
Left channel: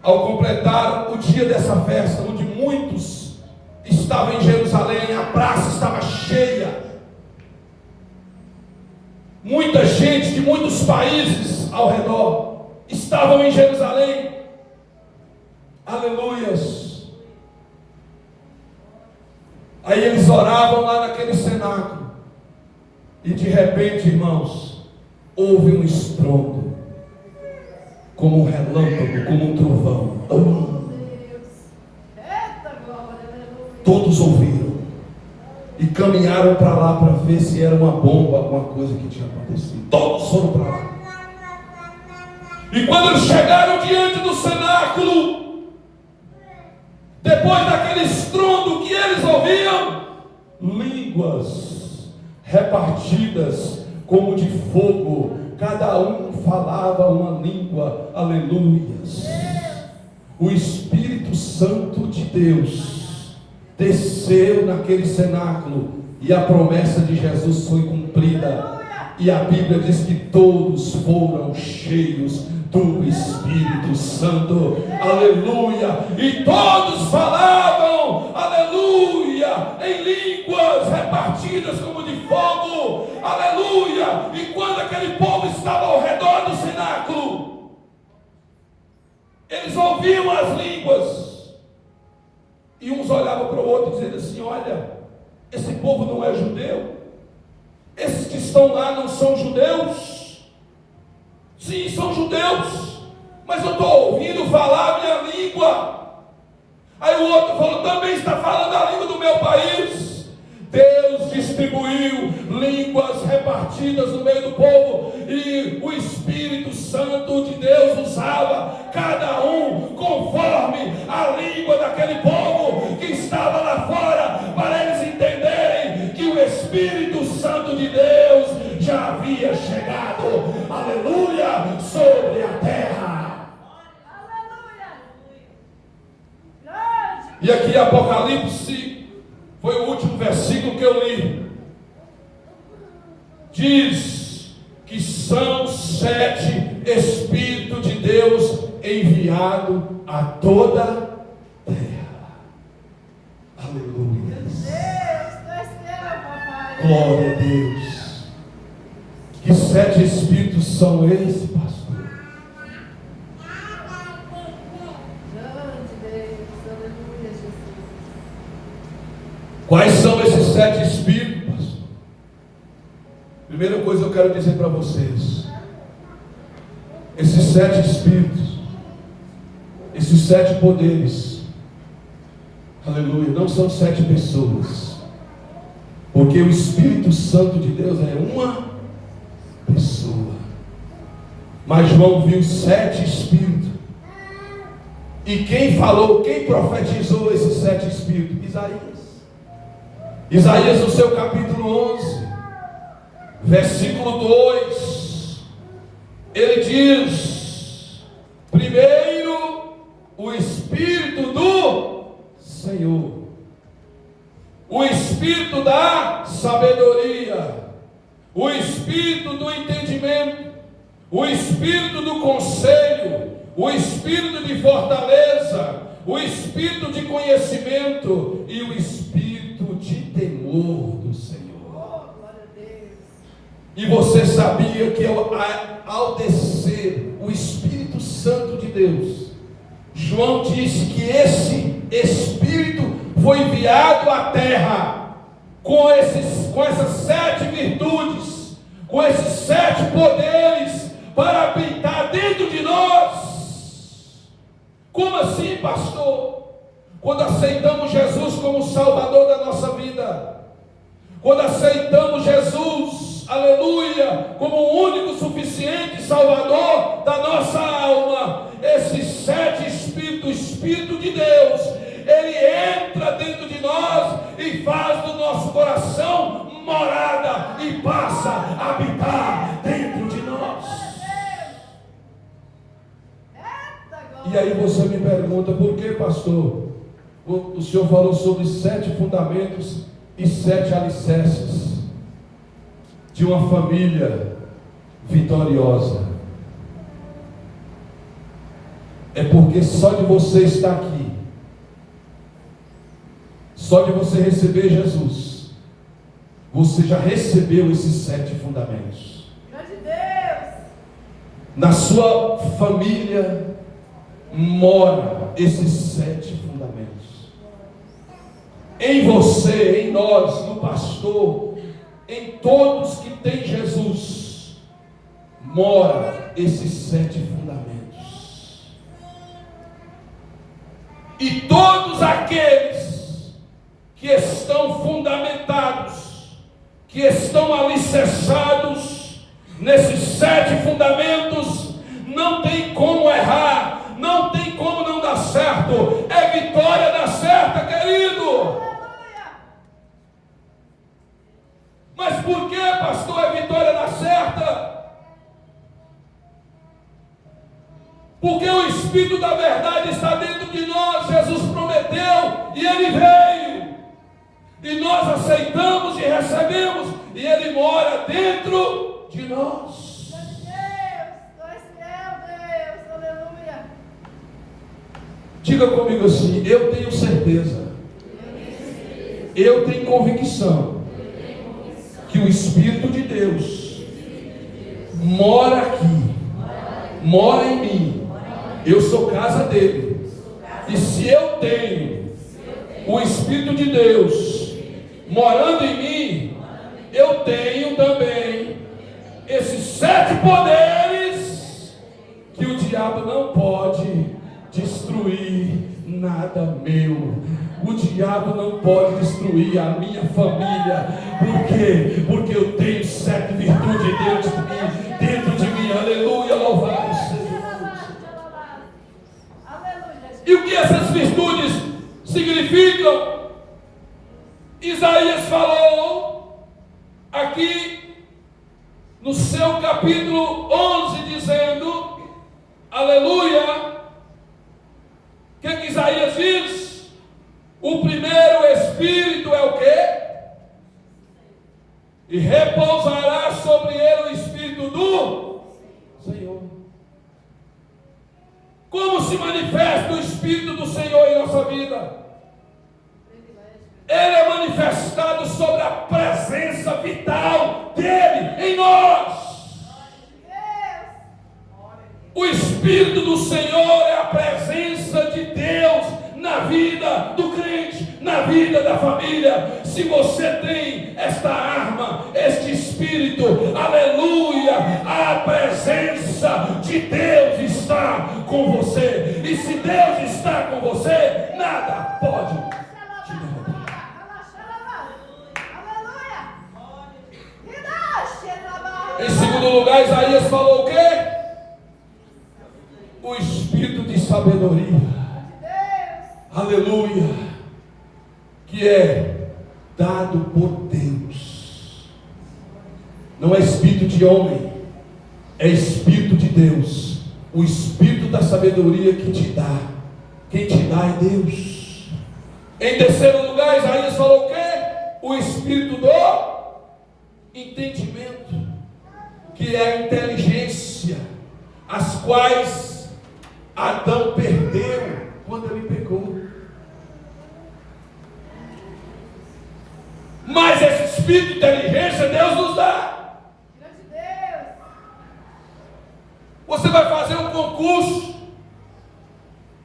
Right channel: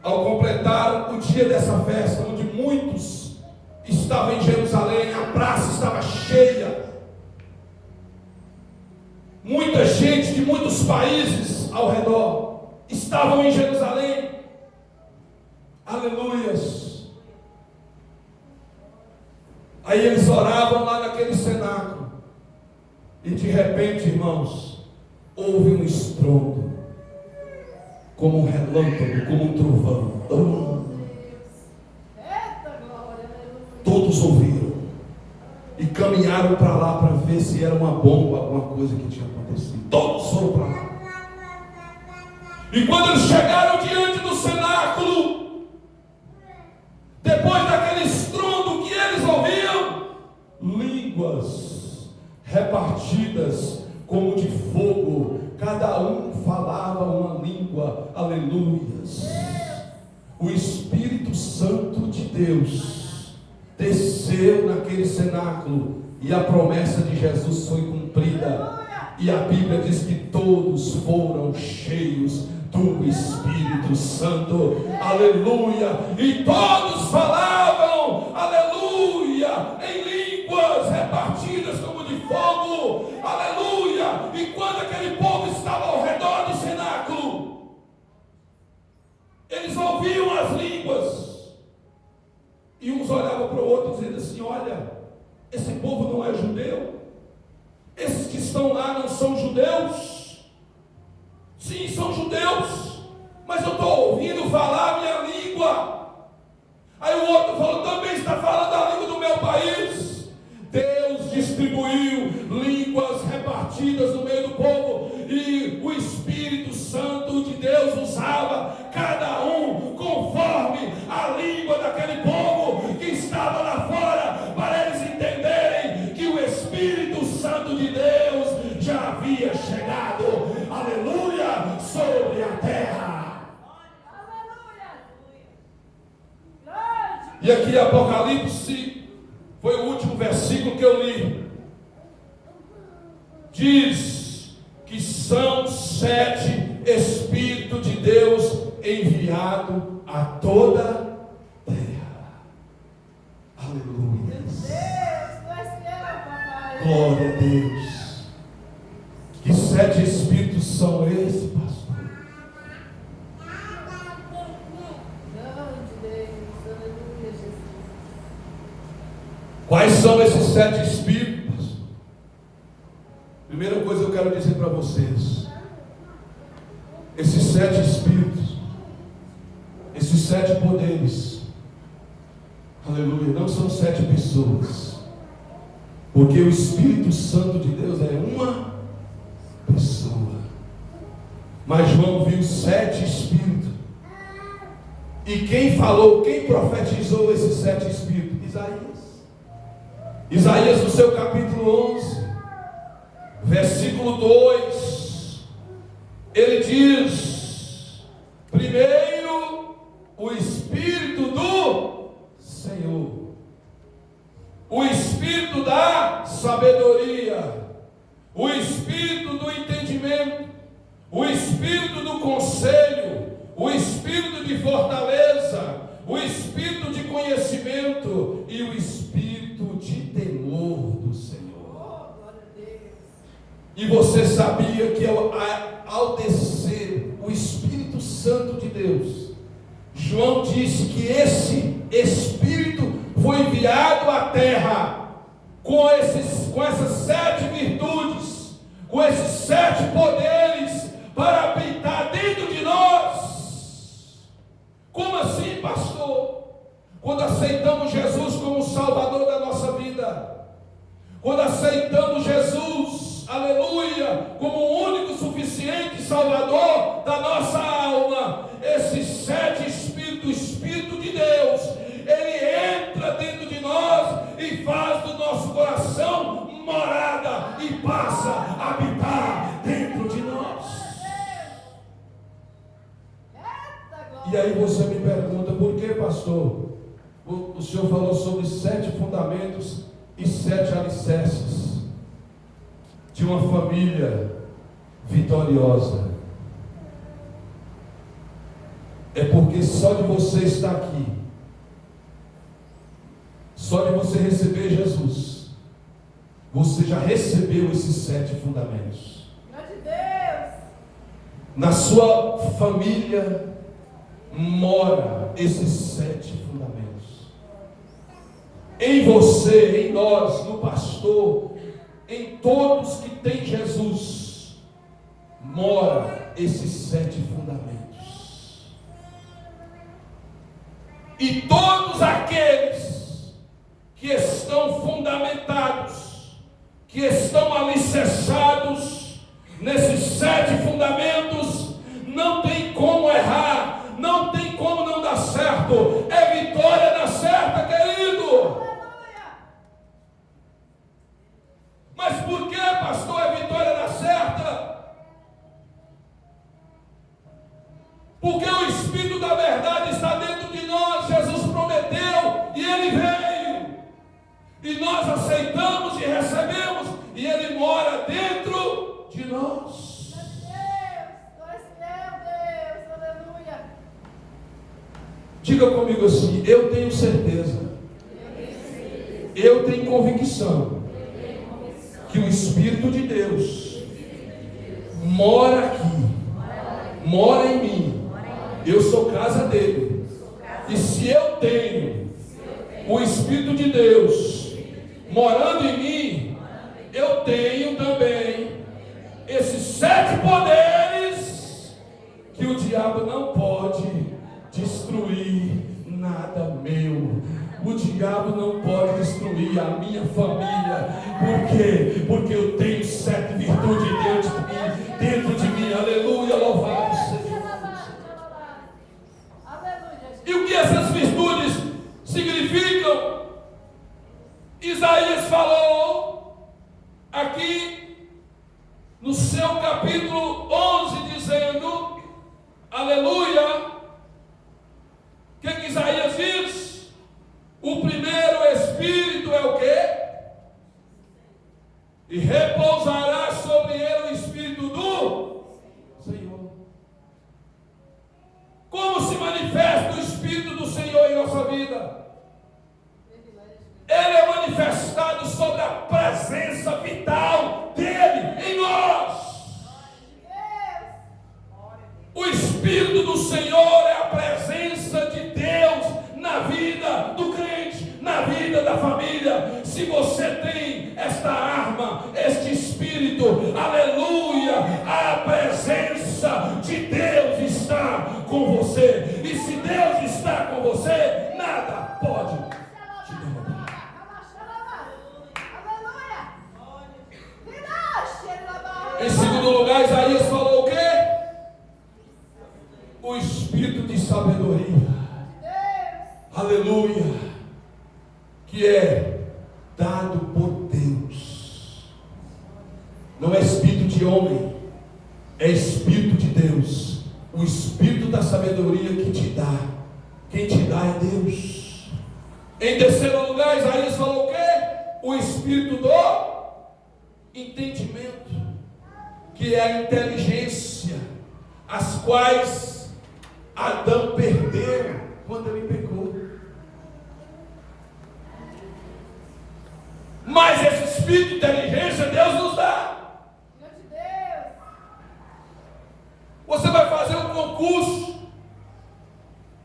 ao completar o dia dessa festa, onde muitos estavam em Jerusalém, a praça estava cheia, muita gente de muitos países ao redor estavam em Jerusalém. Aleluias. Aí eles oravam lá naquele cenáculo, e de repente, irmãos, houve um estrondo, como um relâmpago, como um trovão. Todos ouviram e caminharam para lá para ver se era uma bomba, alguma coisa que tinha acontecido. Todos foram para lá. E quando eles chegaram diante do cenáculo, depois daquele estrondo que eles ouviam, línguas repartidas como de fogo, cada um falava uma língua. Aleluias. O Espírito Santo de Deus desceu naquele cenáculo e a promessa de Jesus foi cumprida. E a Bíblia diz que todos foram cheios do Espírito Santo. Aleluia. E todos falavam, aleluia, em línguas repartidas como de fogo. Aleluia. E quando aquele povo estava ao redor do cenáculo, eles ouviam as línguas. E uns olhavam para o outro dizendo assim: olha, esse povo não é judeu? Esses que estão lá não são judeus? Sim, são judeus, mas eu estou ouvindo falar a minha língua. Aí o outro falou: também está falando a língua do meu país. Deus distribuiu línguas repartidas no meio do povo, e o Espírito Santo de Deus usava cada um conforme a língua daquele povo que estava lá fora, para eles entenderem que o Espírito Santo de Deus já havia chegado, aleluia, sobre a terra. E aqui Apocalipse foi o último versículo que eu li. Diz que são 7 Espíritos de Deus enviado a toda a terra. Aleluia. Glória a Deus. Que 7 espíritos são esses, pastor? Quais são esses 7 espíritos, pastor? Primeira coisa eu quero dizer para vocês: esses 7 espíritos, esses 7 poderes, aleluia, não são 7 pessoas, porque o Espírito Santo de Deus é uma pessoa. Mas João viu 7 espíritos. E quem falou, quem profetizou esses 7 espíritos? Isaías no seu capítulo 11, versículo 2, ele diz: primeiro o Espírito do Senhor, o Espírito da sabedoria, o Espírito do entendimento, o Espírito do conselho, o Espírito de fortaleza, o Espírito de conhecimento e o Espírito de temor do Senhor. E você sabia que ao descer o Espírito Santo de Deus, João disse que esse Espírito foi enviado à terra com essas 7 virtudes, com esses 7 poderes para habitar dentro de nós. Como assim, pastor? Quando aceitamos Jesus como Salvador da nossa vida, quando aceitamos Jesus, aleluia, como o único suficiente Salvador da nossa alma, esses 7 espíritos, o Espírito de Deus, ele entra dentro de nós e faz do nosso coração morada e passa a habitar dentro de nós. E aí você me pergunta: por que, pastor? O senhor falou sobre 7 fundamentos e 7 alicerces de uma família vitoriosa. É porque só de você estar aqui, só de você receber Jesus, você já recebeu esses 7 fundamentos. Na sua família mora esses 7 fundamentos. Em você, em nós, no pastor, em todos que têm Jesus, mora esses 7 fundamentos. E todos aqueles que estão fundamentados, que estão alicerçados nesses 7 fundamentos, não tem como errar, não tem como não dar certo. É vitória da certa, querido. Mas por que, pastor, é vitória da certa? Porque o Espírito da verdade está dentro de nós. Jesus prometeu e ele veio, e nós aceitamos e recebemos, e ele mora dentro de nós. Diga comigo assim: eu tenho certeza, eu tenho convicção que o Espírito de Deus mora aqui, mora em mim. Eu sou casa dele. E se eu tenho o Espírito de Deus morando em mim, eu tenho também esses 7 poderes que o diabo não pode destruir nada meu. O diabo não pode destruir a minha família. Por quê? Porque eu tenho 7 virtudes dentro de mim. Aleluia, louvado seja Deus. E o que essas virtudes significam? Isaías falou aqui no seu capítulo 11, dizendo, aleluia, o que Isaías diz? O primeiro Espírito é o quê? E repousará sobre ele o Espírito do Senhor. Como se manifesta o Espírito do Senhor em nossa vida? Ele é manifestado sobre a presença vital dele em nós. O Espírito do Senhor é a presença de Deus na vida do crente, na vida da família. Se você tem esta arma, este Espírito, aleluia, a presença de Deus está com você. E se Deus está com você, nada pode te derrotar. Em segundo lugar, Isaías falou o quê? O Espírito de sabedoria, aleluia, que é dado por Deus. Não é espírito de homem, é espírito de Deus. O espírito da sabedoria que te dá, quem te dá é Deus. Em terceiro lugar, Isaías falou o quê? O espírito do entendimento, que é a inteligência, as quais Adão perdeu quando ele pecou. Mas esse espírito de inteligência Deus nos dá. Você vai fazer um concurso,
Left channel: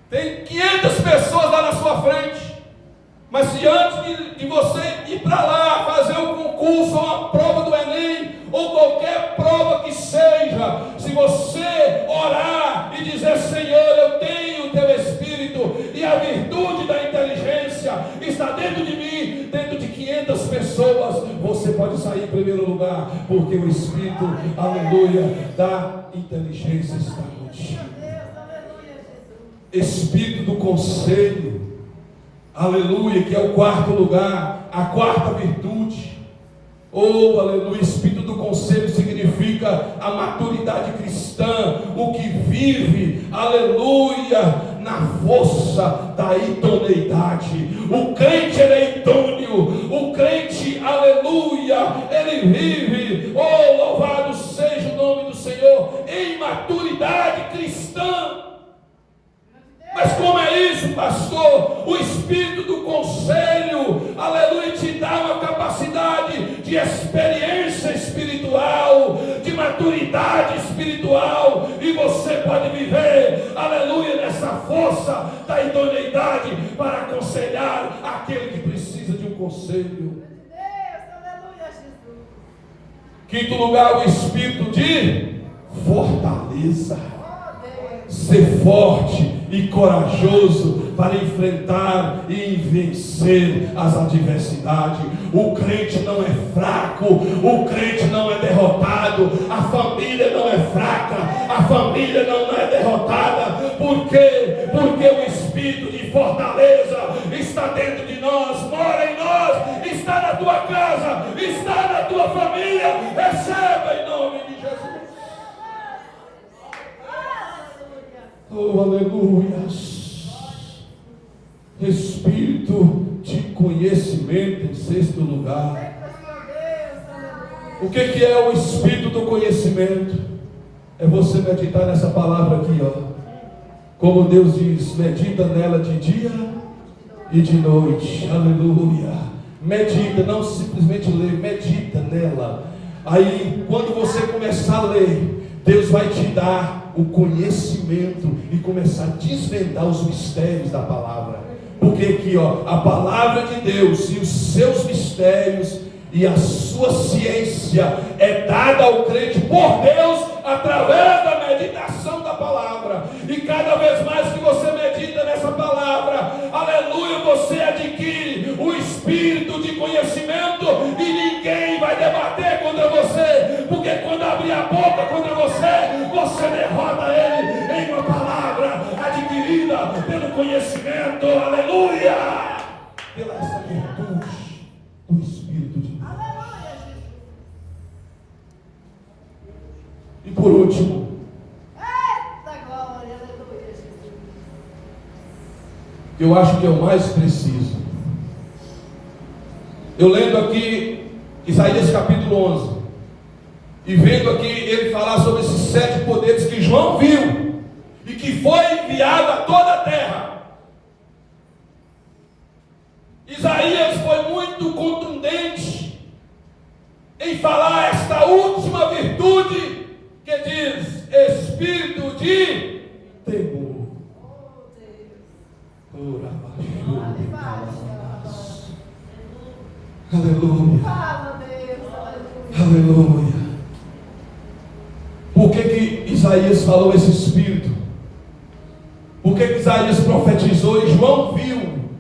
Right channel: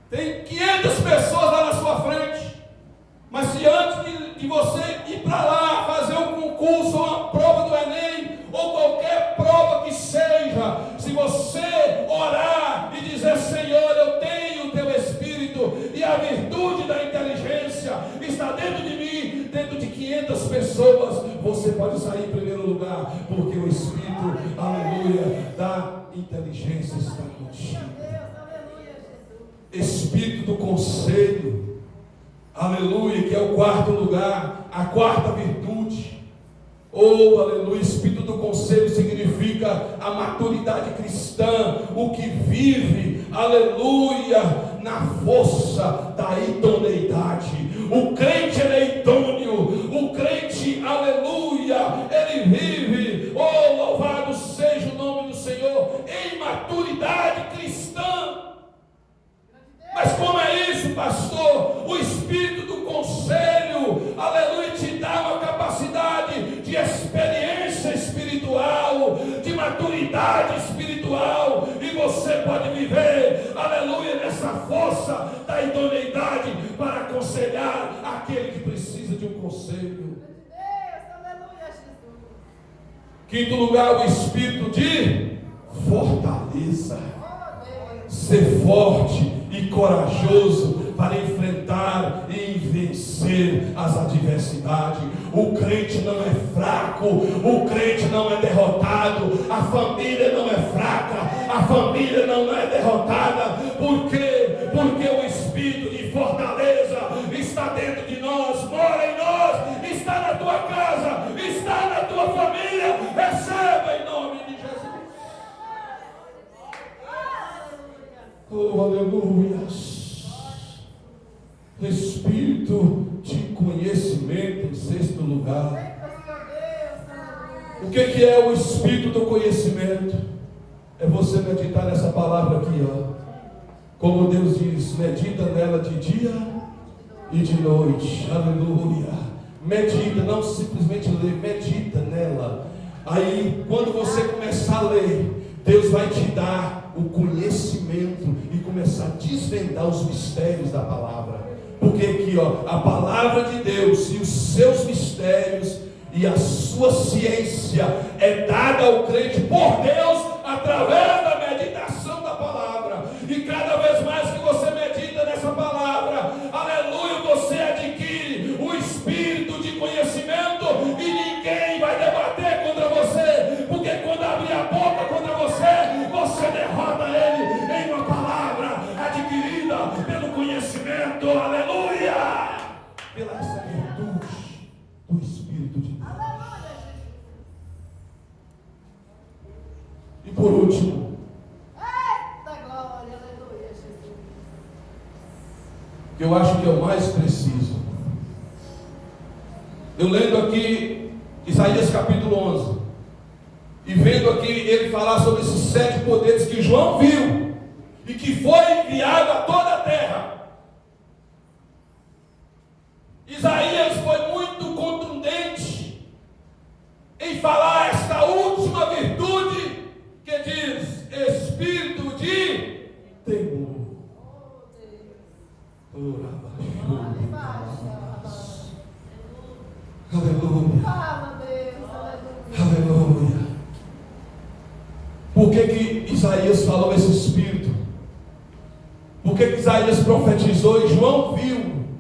tem 500 pessoas lá na sua frente, mas se antes de você ir para lá fazer um concurso, ou uma prova do Enem, ou qualquer prova que seja, se você orar e dizer: Senhor, eu tenho o teu Espírito, e a virtude da inteligência está dentro de mim, dentro de 500 pessoas, você pode sair em primeiro lugar, porque o Espírito, aleluia, da inteligência está contigo. Espírito do conselho, aleluia, que é o quarto lugar, a quarta virtude. Oh, aleluia, espírito do conselho significa a maturidade cristã, o que vive, aleluia, na força da idoneidade. O crente, ele é idôneo, o crente, aleluia, ele vive, oh, louvado seja o nome do Senhor, em maturidade cristã. Mas como é isso, pastor? O espírito do conselho, aleluia, te dá uma capacidade de experiência espiritual, de maturidade espiritual, e você pode viver, aleluia, nessa força da idoneidade para aconselhar aquele que precisa de um conselho. Quinto lugar, o espírito de fortaleza. Ser forte e corajoso para enfrentar e vencer as adversidades. O crente não é fraco, o crente não é derrotado, a família não é fraca, a família não é derrotada. Por quê? Porque o espírito de fortaleza está dentro de nós, mora em nós, está na tua casa, está na tua família. Receba em nome de Jesus. Oh, aleluia. Espírito de conhecimento em sexto lugar. O que é o espírito do conhecimento? É você meditar nessa palavra aqui, ó. Como Deus diz, medita nela de dia e de noite. Aleluia. Medita, não simplesmente lê, medita nela. Aí, quando você começar a ler, Deus vai te dar o conhecimento e começar a desvendar os mistérios da palavra. Porque aqui, ó, a palavra de Deus e os seus mistérios e a sua ciência é dada ao crente por Deus através da meditação da palavra. E cada vez mais que você medita nessa palavra, aleluia, você adquire o espírito de conhecimento e ninguém vai debater contra você, porque quando abrir a boca contra você, você derrota ele em uma palavra adquirida pelo conhecimento, aleluia, pela essa virtude do Espírito de Deus. E por último, eu acho que é o mais preciso. Eu lendo aqui Isaías capítulo 11 e vendo aqui ele falar sobre esses 7 poderes que João viu e que foi enviado a toda a terra. Isaías foi muito contundente em falar esta última virtude que diz espírito de temor. Aleluia. Aleluia. Por que Isaías falou esse espírito? Por que Isaías profetizou e João viu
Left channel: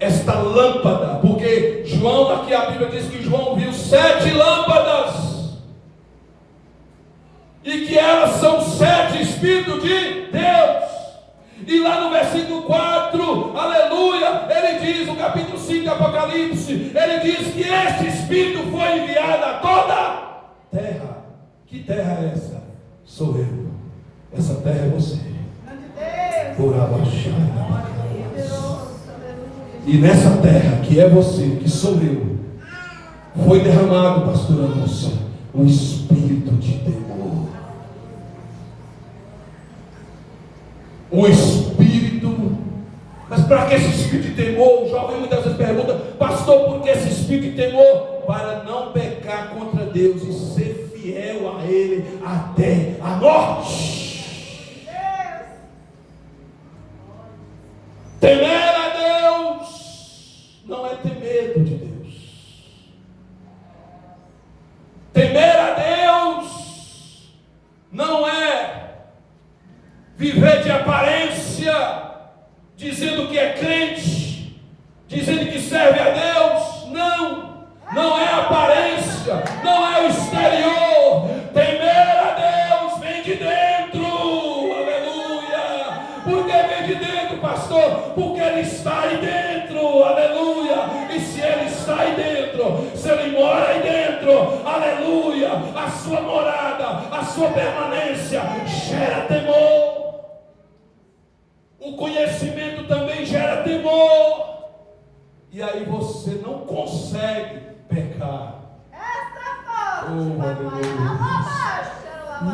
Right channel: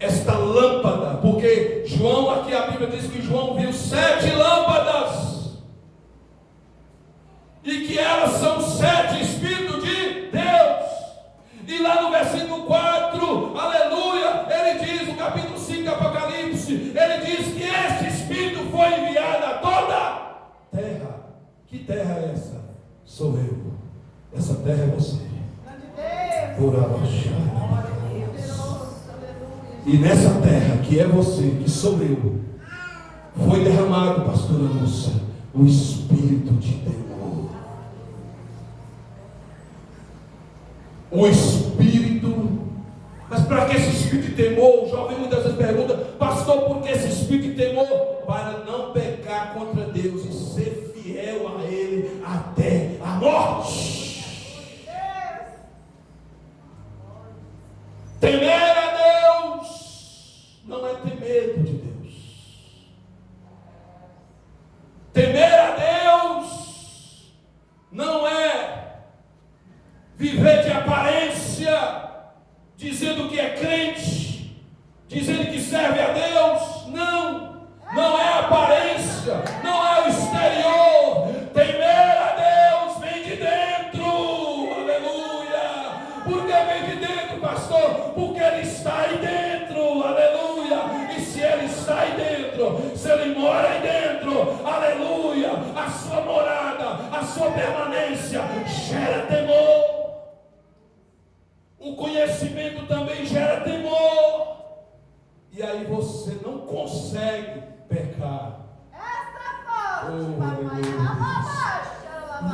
esta lâmpada? Porque João, aqui a Bíblia diz que João viu 7 lâmpadas, e que elas são 7 Espíritos de Deus. E lá no versículo 4, aleluia, ele diz, no capítulo 5 de Apocalipse, ele diz que este Espírito foi enviado a toda a terra. Que terra é essa? Sou eu. Essa terra é você. Por abaixar. E nessa terra, que é você, que sou eu, foi derramado, pastora Lúcia, o espírito de temor. O espírito. Mas para que esse espírito de temor? O jovem muitas vezes pergunta, pastor, por que esse espírito de temor? Para não pecar contra Deus e ser fiel a Ele até a morte. Temer a Deus não é ter medo de Deus. Temer a Deus não é viver de aparência, dizendo que é crente, dizendo que serve a Deus. Não, não é aparência, não é o exterior. Temer a Deus vem de dentro. Aleluia. Por que vem de dentro, pastor? Porque Ele está aí dentro. Aleluia. E se Ele está aí dentro, se Ele mora aí dentro, aleluia, a sua morada, a sua permanência gera temor. O conhecimento também gera temor. E aí você não consegue pecar. Oh, aleluia.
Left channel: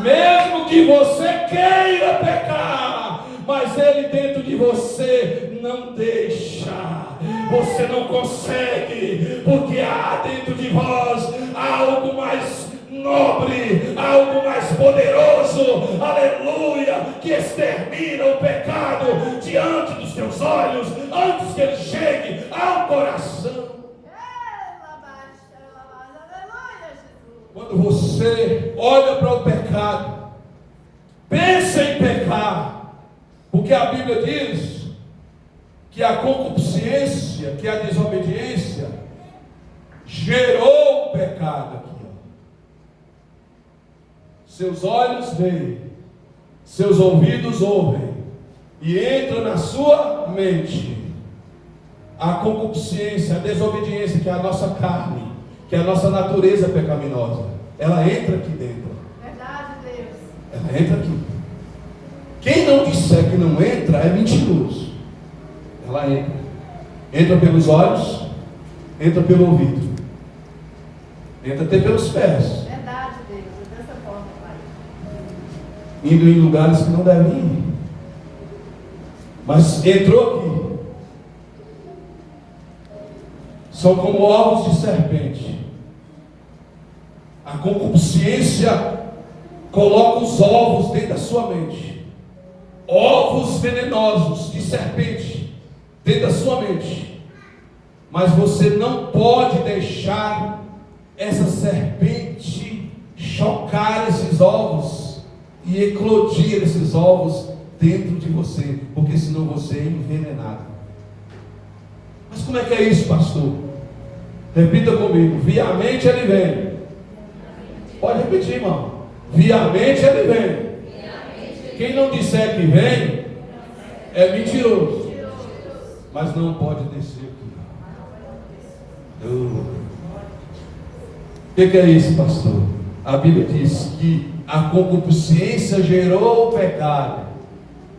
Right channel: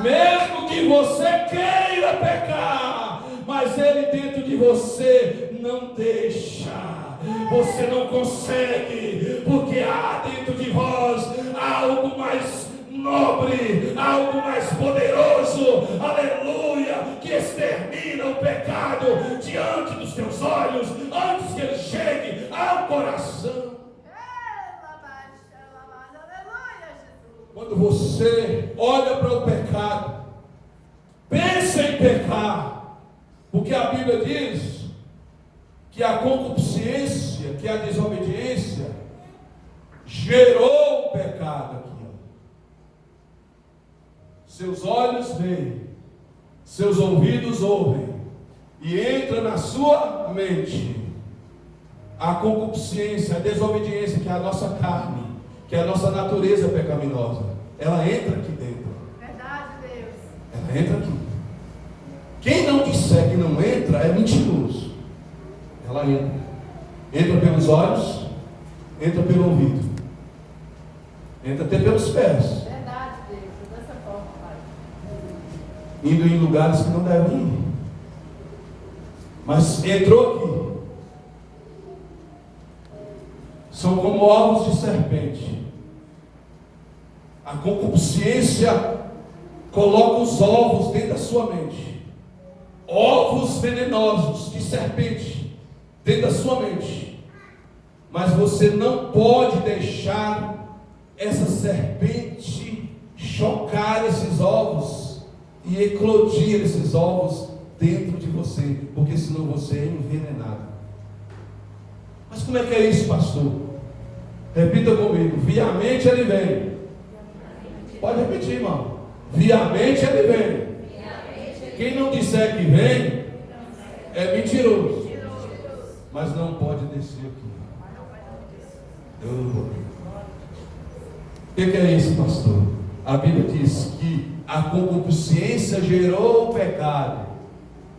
Mesmo que você queira pecar, mas Ele dentro de você não deixa. Você não consegue, porque há dentro de vós algo mais nobre, algo mais poderoso, aleluia, que extermina o pecado diante dos teus olhos, antes que ele chegue ao coração. Quando você olha para o pecado, pensa em pecar, porque a Bíblia diz que a concupiscência, que a desobediência, gerou o pecado aqui. Seus olhos veem, seus ouvidos ouvem, e entra na sua mente a concupiscência, a desobediência, que é a nossa carne, que é a nossa natureza pecaminosa. Ela entra aqui dentro. Verdade, Deus. Ela entra aqui. Quem não disser que não entra é mentiroso. Ela entra. Entra pelos olhos, entra pelo ouvido, entra até pelos pés. Verdade, Deus. Dessa forma, Pai. Indo em lugares que não devem ir. Mas entrou aqui. São como ovos de serpente. A concupiscência coloca os ovos dentro da sua mente. Ovos venenosos de serpente dentro da sua mente. Mas você não pode deixar essa serpente chocar esses ovos e eclodir esses ovos dentro de você, porque senão você é envenenado. Mas como é que é isso, pastor? Repita comigo: via a mente ele vem. Pode repetir, irmão. Via a mente ele vem. Quem não disser que vem é mentiroso, mas não pode descer aqui. O que é isso, pastor? A Bíblia diz que a concupiscência gerou o pecado,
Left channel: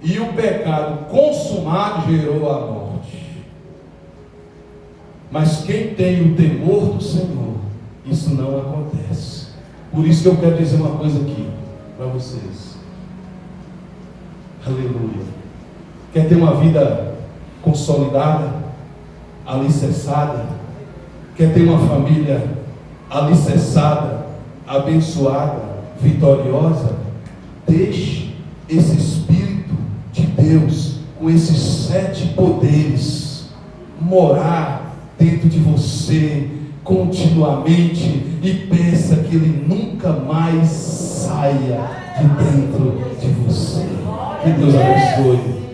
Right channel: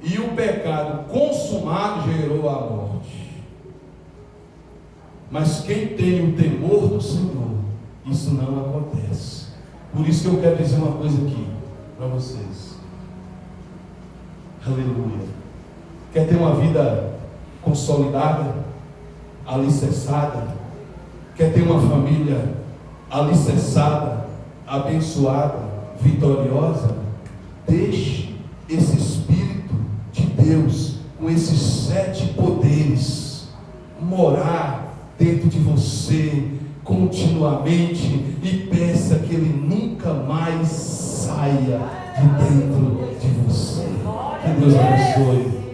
e o pecado consumado gerou a morte. Mas quem tem o temor do Senhor, isso não acontece. Por isso que eu quero dizer uma coisa aqui para vocês. Aleluia. Quer ter uma vida consolidada, alicerçada? Quer ter uma família alicerçada, abençoada, vitoriosa? Deixe esse Espírito de Deus, com esses 7 poderes, morar dentro de você continuamente, e peça que Ele nunca mais saia de dentro de você. Que Deus abençoe.